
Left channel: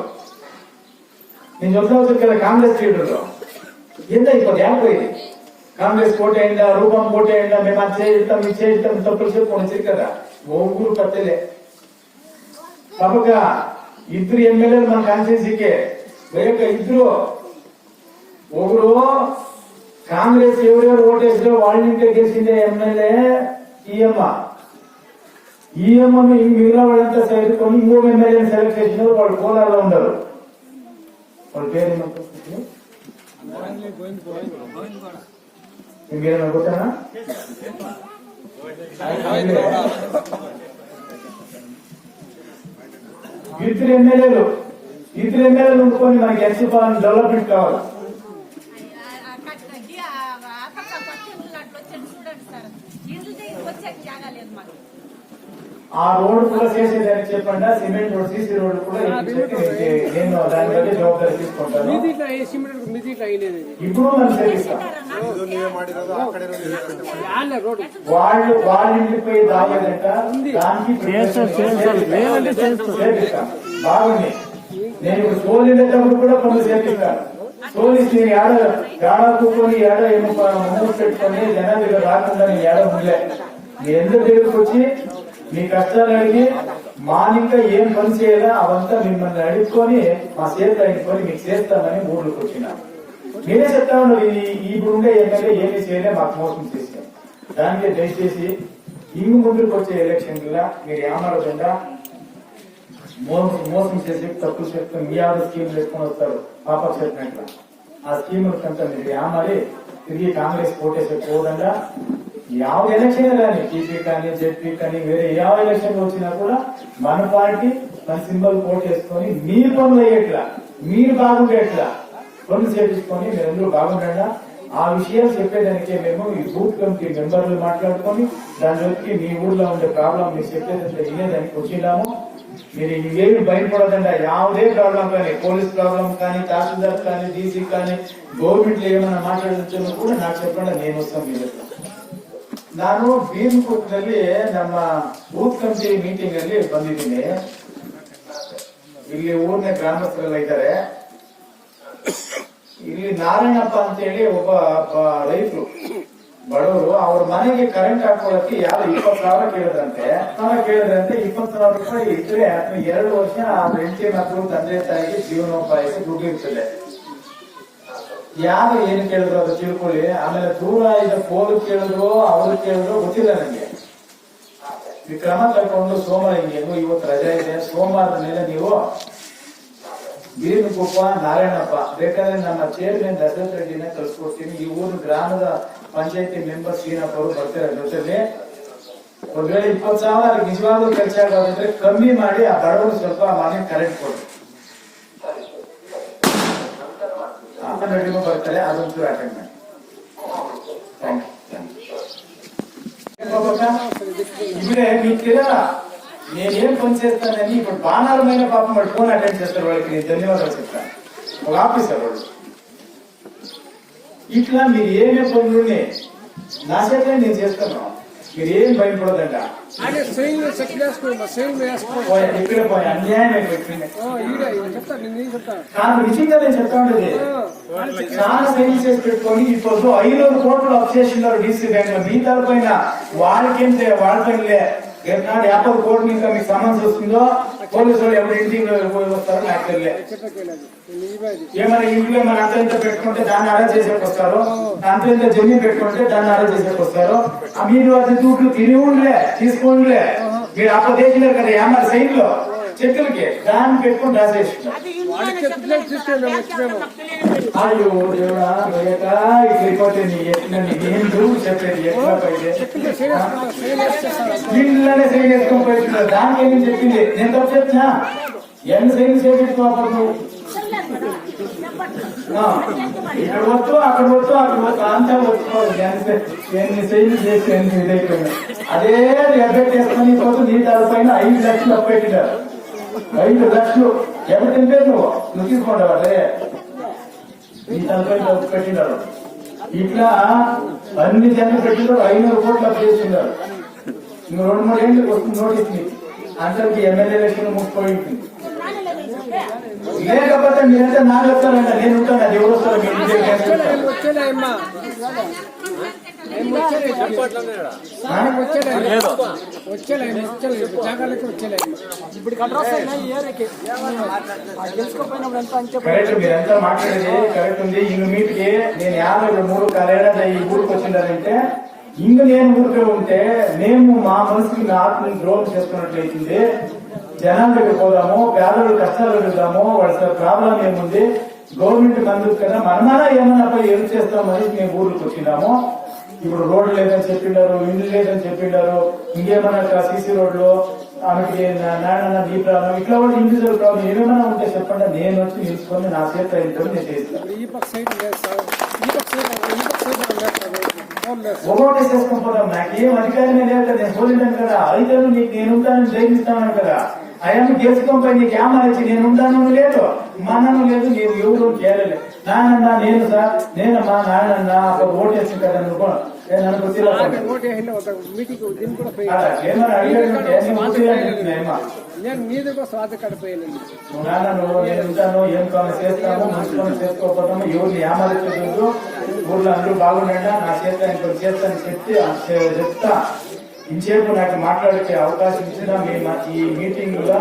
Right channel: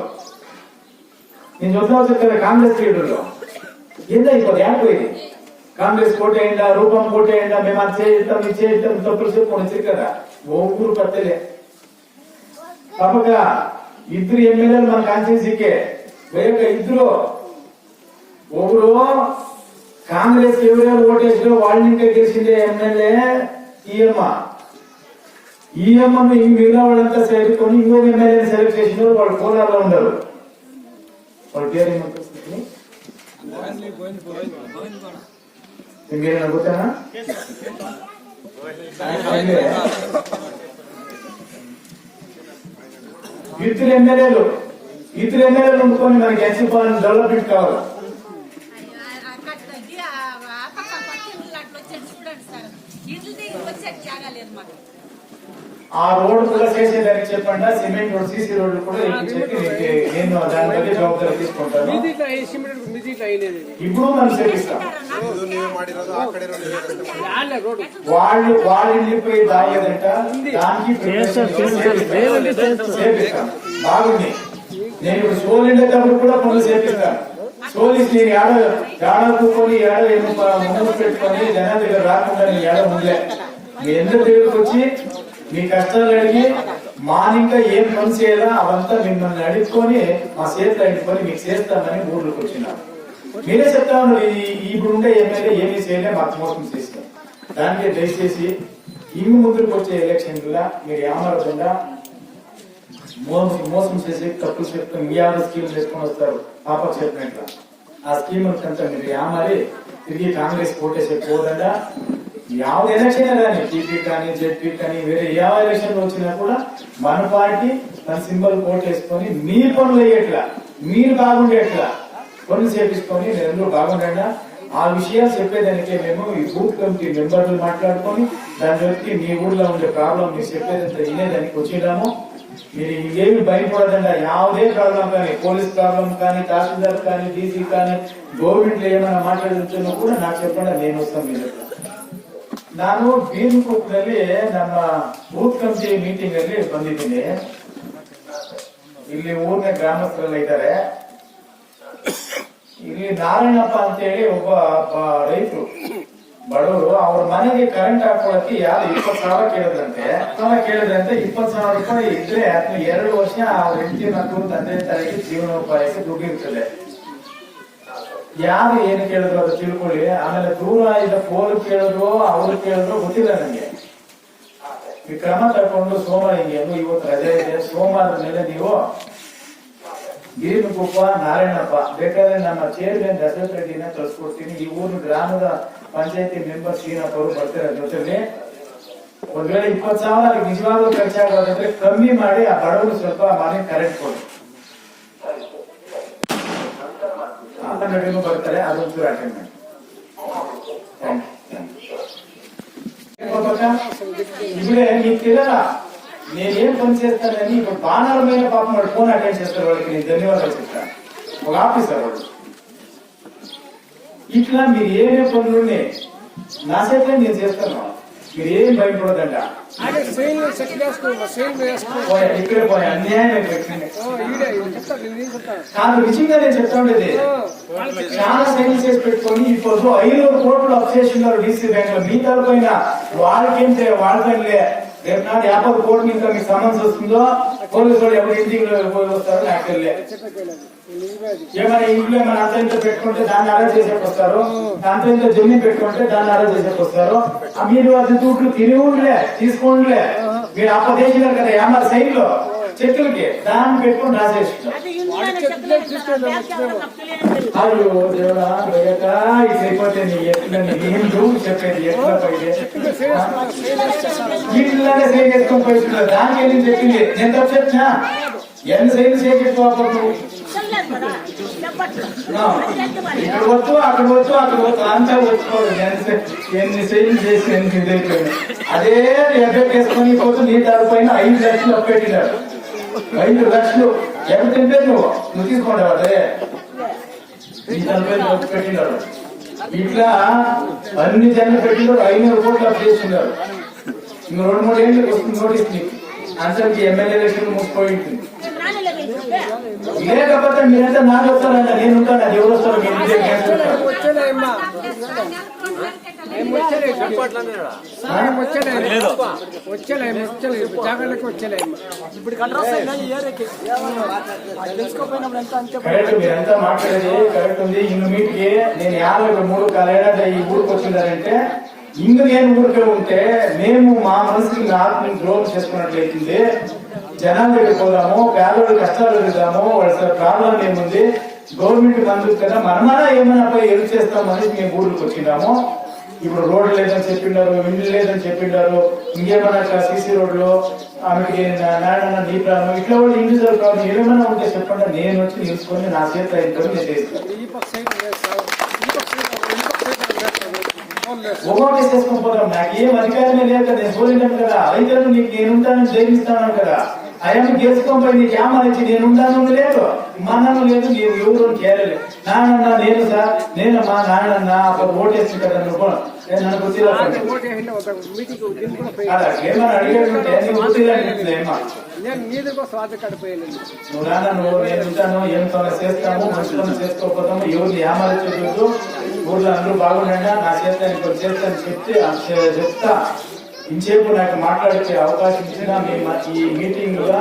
ఏందా ఇప్పుడు యాపోయింది కాంగ్రెస్ కోటి అయిందా రూపం కోటి అయిందా మేము అది చేయిస్తాం ఇది చేయిస్తాం తప్పులు చెప్పుకొని కదా ఊరు పట్టలే తప్పగా ఇద్దరు ఎమ్మెల్యేలు మన కాన్స్టిట్యూన్సీకే ఇద్దరు ఒకరు కాంగ్రెస్ ఎవరెవరు ఓటేసిలో వాళ్ళ ఇంటే గెలిచిందే ఎమ్మెల్యే ఈఎంను మిగతా వాళ్ళంతా చేరుకొని ఇంకొక ఎమ్మెల్యేని సెలెక్ట్ చేసిన వాళ్ళు కోలార్లో ఉండరు. వాళ్ళ పేరు ఏమంటుంది మీరేనా గుర్తున్నా? ఇద్దరు ఎమ్మెల్యేలు ఉండుకొని మనకి ఎన్సీపాలన డెవలప్మెంట్ కావాలి. ఆ రోడ్డు కూడా చేసేదానికి చెప్పండి, సిమెంట్ రోడ్ సీసీ రోడ్డు కూడా నేను దాని దగ్గర జవాబాదారి తీసుకుంటాను. ఇప్పుడు మనం చేపిస్తాం. వాళ్ళ ఇంటిపై దాగేదంట దానికి చేపిస్తాం. బాగుంది. నేను ఇప్పుడు సోల్ వెళ్ళేటప్పుడు కూడా పనులు చేపిస్తాను. సోలిస్ నేను ఏడ కూకొని ఏడ ముందు పెట్టుకొని జనాలు ఇలా రాకుండా నేను ఏడ ఉండలే. మీ అందరి దగ్గరకు వచ్చి మీ కష్టాలు అడిగి మానింకా ఏం పని చేయాలా అవంతా మిమ్మల్ని అడుక్కొని మా చేత అడుక్కొని మీకు చేస్తామని ఊర్లోకి వచ్చినా. మీరే చెప్తా ఉన్నారు ఇప్పుడు ఉండే ఎమ్మెల్యే ఏమీ చేయలే మాకు మోసం చేస్తాం. దానికి దయచేసి ఇంగు ముందుకు వచ్చే ఎలక్షన్ లా మీరు ఏమరకుండా మోసం చేసి తప్పులు చెప్తాం. మీ యాభై స్కీమ్ చేసుకొని వస్తారు పాపకు చెప్పినట్లు. ఆ స్కీమ్ కంటే మీరు ఏమారి తిరిగి కాంగ్రెస్ ఓటేసే పోదండా యావత్ ఎలక్షన్ కానీ టీపీ కానీ జెడ్పీ కానీ వేరే ಯಾವ ఎలక్షన్ వచ్చినా కూడా మన పార్టీ మన సింబల్ ఓటేసుకొని మీ పనులు అయ్యేట్లా మీరు బాగుండేట్లా పనులు చేపించుకొని మీరందరూ బాగుండగా ఆ విషయాలు చెప్పేదానికి మేము ఈ బూత్ కమిటీ మెంబర్లు మాట్లాడుకొని దాని వచ్చి మీ ఊర్లో ఉండే ప్రాబ్లం మీరు చెప్పేదంతా వినేదానికి వచ్చినాము. మీరు ఏమి భయపడదండి. యావదే ప్రాబ్లం కానీ పోలీస్ ప్రాబ్లం కానీ తహసీల్దార్ కానీ డీసీ కానీ గవర్నమెంట్ లో ఏమైనా మాట్లాడుతున్నా కూడా నాకు చెప్పండి, నేను వస్తాను. మీరు ನಾನು ಬೀರ್ಕೂಟ್ನಲ್ಲಿ ನಮ್ಮ ಬೂತ್ ಕಮಿಟಿ ಮೀಟಿಂಗ್ ಅಲ್ಲಿ ಬಂದಿದ್ದೀನಿ. ಇಲ್ಲಿ ಊರಿನ ಗ್ರಾಮಸ್ಥರೆಲ್ಲ ಇದ್ದಾರೆ. ಇಲ್ಲಿ ನಾರಾಯಣಪ್ಪ ಅಂತ ಹೇಳಿ ಒಬ್ಬ ರೈತರು ಬಡವರು ಅವ್ರ ಮನೆಗೆ ಕರೆಂಟ್ ಹಾಕೊಳ್ಳಕ್ಕೆ ಯಾರು 20,000 ಕೇಳಿದ್ರಂತೆ. 20,000 ರೂಪಾಯಿ ಇದ್ರೆ 2 ವರ್ಷ ಅವ್ರ ಹೆಂಡತಿ ಮಕ್ಕಳು ತಂದೆ ತಾಯಿಗೆ ಜೀವನೋಪಾಯಕ್ಕೆ ದುಡ್ಡಿರ್ತದೆ. ಯಾರು ಏನು ಕೇಳಿದ್ರು ಅದು ತಿಳ್ಕೊಳ್ಳಿ. ಆಮೇಲೆ ದೂರ ಇದ್ದ ಪೋಲ್ ಕೇಳಿದ್ರು ಅವ್ರು ಕೇಳಿದ್ರು ಗೊತ್ತಿಲ್ಲ ನನಗೆ. ಈ ಕ್ರಮ ತಗೊಂಡು ಸೋಮವಾರ ಹಿಂಗೆ ಇವತ್ತು ರಜೆ ಇದೆ, ಸೋಮವಾರದ ಮೇಲೆ ನೀವು ಬೀರ್ನಕುಪ್ಪ ನಾರಾಯಣಪ್ಪ ಬೇಕಾದ್ರೆ ನಮ್ಮ ಚೇರ್ಮನ್ ದಶರಥ ರೆಡ್ಡಿನ ಕಳ್ಸಿಕೊಡ್ತೀನಿ. ಈ ಊರು ಗ್ರಾಮದ ಪಂಚಾಯತಿ ಮೆಂಬರ್ ಶ್ರೀನಾಥ್ ಅವರು ಬರ್ತಾರೆ ಜೊತೆಲಿ. ಒಂದ್ ವೇಳೆ 20,000 ನಿಜವಾಗ್ಲೂ ಖರ್ಚಾಗೋದಂದ್ರೆ ಕಮ್ಮಿ ಮಾಡಿ ಆ ಬಡವರು ಸ್ವಲ್ಪ ಮನೆ ಕರೆಂಟ್ ಕೊಡಿ. ಬರ್ತಾರೆ ಅದೊಂದು ಅಟೆಂಡ್ ಮಾಡಿ. ఇప్పుడే మీకు తెలియదా నేనేం పని చేస్తానని ఇప్పుడు బాణాలమైన పాపం వాడు ఫోన్ అటెండ్ చేస్తారు. వాళ్ళకి నేను ధన్యవాదాలు చెప్తాను. ఒక ఆఫీసర్ వాడు ఇట్లా మీరు ఏమే పనులుండే నా చేత నేను చేస్తున్నాను. మీరు ఏం భయపడదంట. ఇక్కడ పోయి అన్యాయం కాదు. నిజంగా నేను చెప్తా ఉండేది చాలా సైన్స్ చేసి పెట్టుకొని ఇప్పుడు 500 కోట్లు అప్ చేసినారు డీసీ బ్యాంక్ లో. మీ తరపైన వాళ్ళకేంటే వాళ్ళపైనలే రేపు 50 కోట్లు ఇంకా మీకు సమస్య వస్తుందో పోలీసు వాళ్ళు ఎవరు ఇంటికి పోయి వస్తారో నాకు తెలియలే. ఏమైనా ఇంట్లో ఏమైనా అంత పెట్టుకుంటే దాన్ని అరెస్ట్ చేసేకి వస్తారు, అంత జమీన్ పెట్టుకుంటే దాన్ని అరెస్ట్ చేసేకి వస్తారు. మీరు అది దుడ్లు తిని ఉండలే తీసుకోండిలే. మీరు అప్పదేసినారు కదా ఏమన్నా సైడ్ లో చెక్కులకి దాన్ని పెట్టుకుని రాసేస్తున్నారు. అది దేవుడా ఇట్లయిపోతే ఏంటూ చెప్పేది ఎట్లా వీళ్ళనే సైన్ చేసుకొని పోయిస్తున్నారు. దానికి ఏం చెప్పింది నేను తప్పు చెప్పినా ఎన్ని సైన్లు చేపించుకోవాలి. ఇక్కడ వద్దు అక్కడ వద్దు అంతా వచ్చుకోవాలి. ఎన్ని సైన్లు చేసి ఎన్ని ఇదైపోయింది. అదే ఎఫెక్ట్ వేసుకొని పోతూ నీ దానిపైన 5 లక్షలు అప్పెట్టినారు. 5 లక్షలు ఎవరు తింటే నువ్వు తీసుకోండి. అదే ఈ దానిపైన పెట్టినారు. ఇట్లా అన్ని జన్లు పెట్టినారు. 500 కోట్లు అప్పు చేస్తున్నారు. ఇంక 2-3 ఏళ్ళకి వస్తుంది నోటీస్ మీకు. అందరికి ఎమ్మెల్యే ఎలక్షన్ ముగిపోయి ఉంటుంది. లేకపోతే మీరంతా నాకు వస్తారంట, నేను ఉంటాను, అది ఎవరు వస్తారు మీ ఇంటికి చేస్తారు. కరెక్ట్, మీరంతా మాట్లాడేది కరెక్ట్ ఉంది. ఇంక మీటికి నేను 53 కాలేదంటే ఈ ఊరికి వచ్చిందారంటే ఇంక నేను ఊరికే ఉంటే మేము మా మనసుకి ఆత్మని ద్రోహం చేసుకున్నట్లయితుంది. జనాల దగ్గర పోదాము, పేదవాళ్ళ కష్టాలు ఎదుగుదాము, వాళ్ళ ప్రాబ్లం ఏముంది, గవర్నమెంట్ బంధువు కదా మనమానా ఏమన్నా పోయి హెల్ప్ చేస్తామని మేము ఊరికి వచ్చినాము. ఇప్పుడు రోడ్లు లేదని చెప్పిండారు, ఇండ్లు లేదని చెప్పిండారు, ఇంకేమన్నా సీసీ రోడ్లు, ఆమెకి నాయన నీ ప్రాబ్లం, ఇట్లా కూడా ఇండివిజువల్ ప్రాబ్లం ఏమైనా ఉంటే చెప్పండి, నేను వచ్చి నిలుచుకొని నా చేత ఇంట్లో నేను చేస్తాను. ఓకే చేసుకుని పోతాం. నాకు ఏం అధికారమే లేదు కదా, నేను పోలింటాను కదా, అయితే నీకు నేను ఉంటానని జైలుస్తాను కదా, అయ్యాన్ని గెలుచుకోపోయి నీకు ఏమనొచ్చి నేను ఉంటాను లేదు, మనను లేదు, నీవు ఎవరు చేయలేదు. నాయనన్నా నేను సార్, నేనమ్మా నాయనన్నా అప్పుడు ఓటేస్తుంది కదా అనుకో, నన్ను గుర్తిలో ఏమన్నా అడిగాడంటే నేను గుర్తిలేమా నాన్న నువ్వు నేను ఉంటాను, ఏం పని చేస్తాము, మంచి పని చేసుకోకపోతాము, ఎవరిని ఏమరచలేదు, ఊర్లో అందరూ బాగుండండి, నా చేత ఇంకొక చేస్తాను చెప్తా. ఇంచేపు నాకు మాట్లాడే అవకాశం ఇచ్చిన మేము ఈ మీటింగ్ లో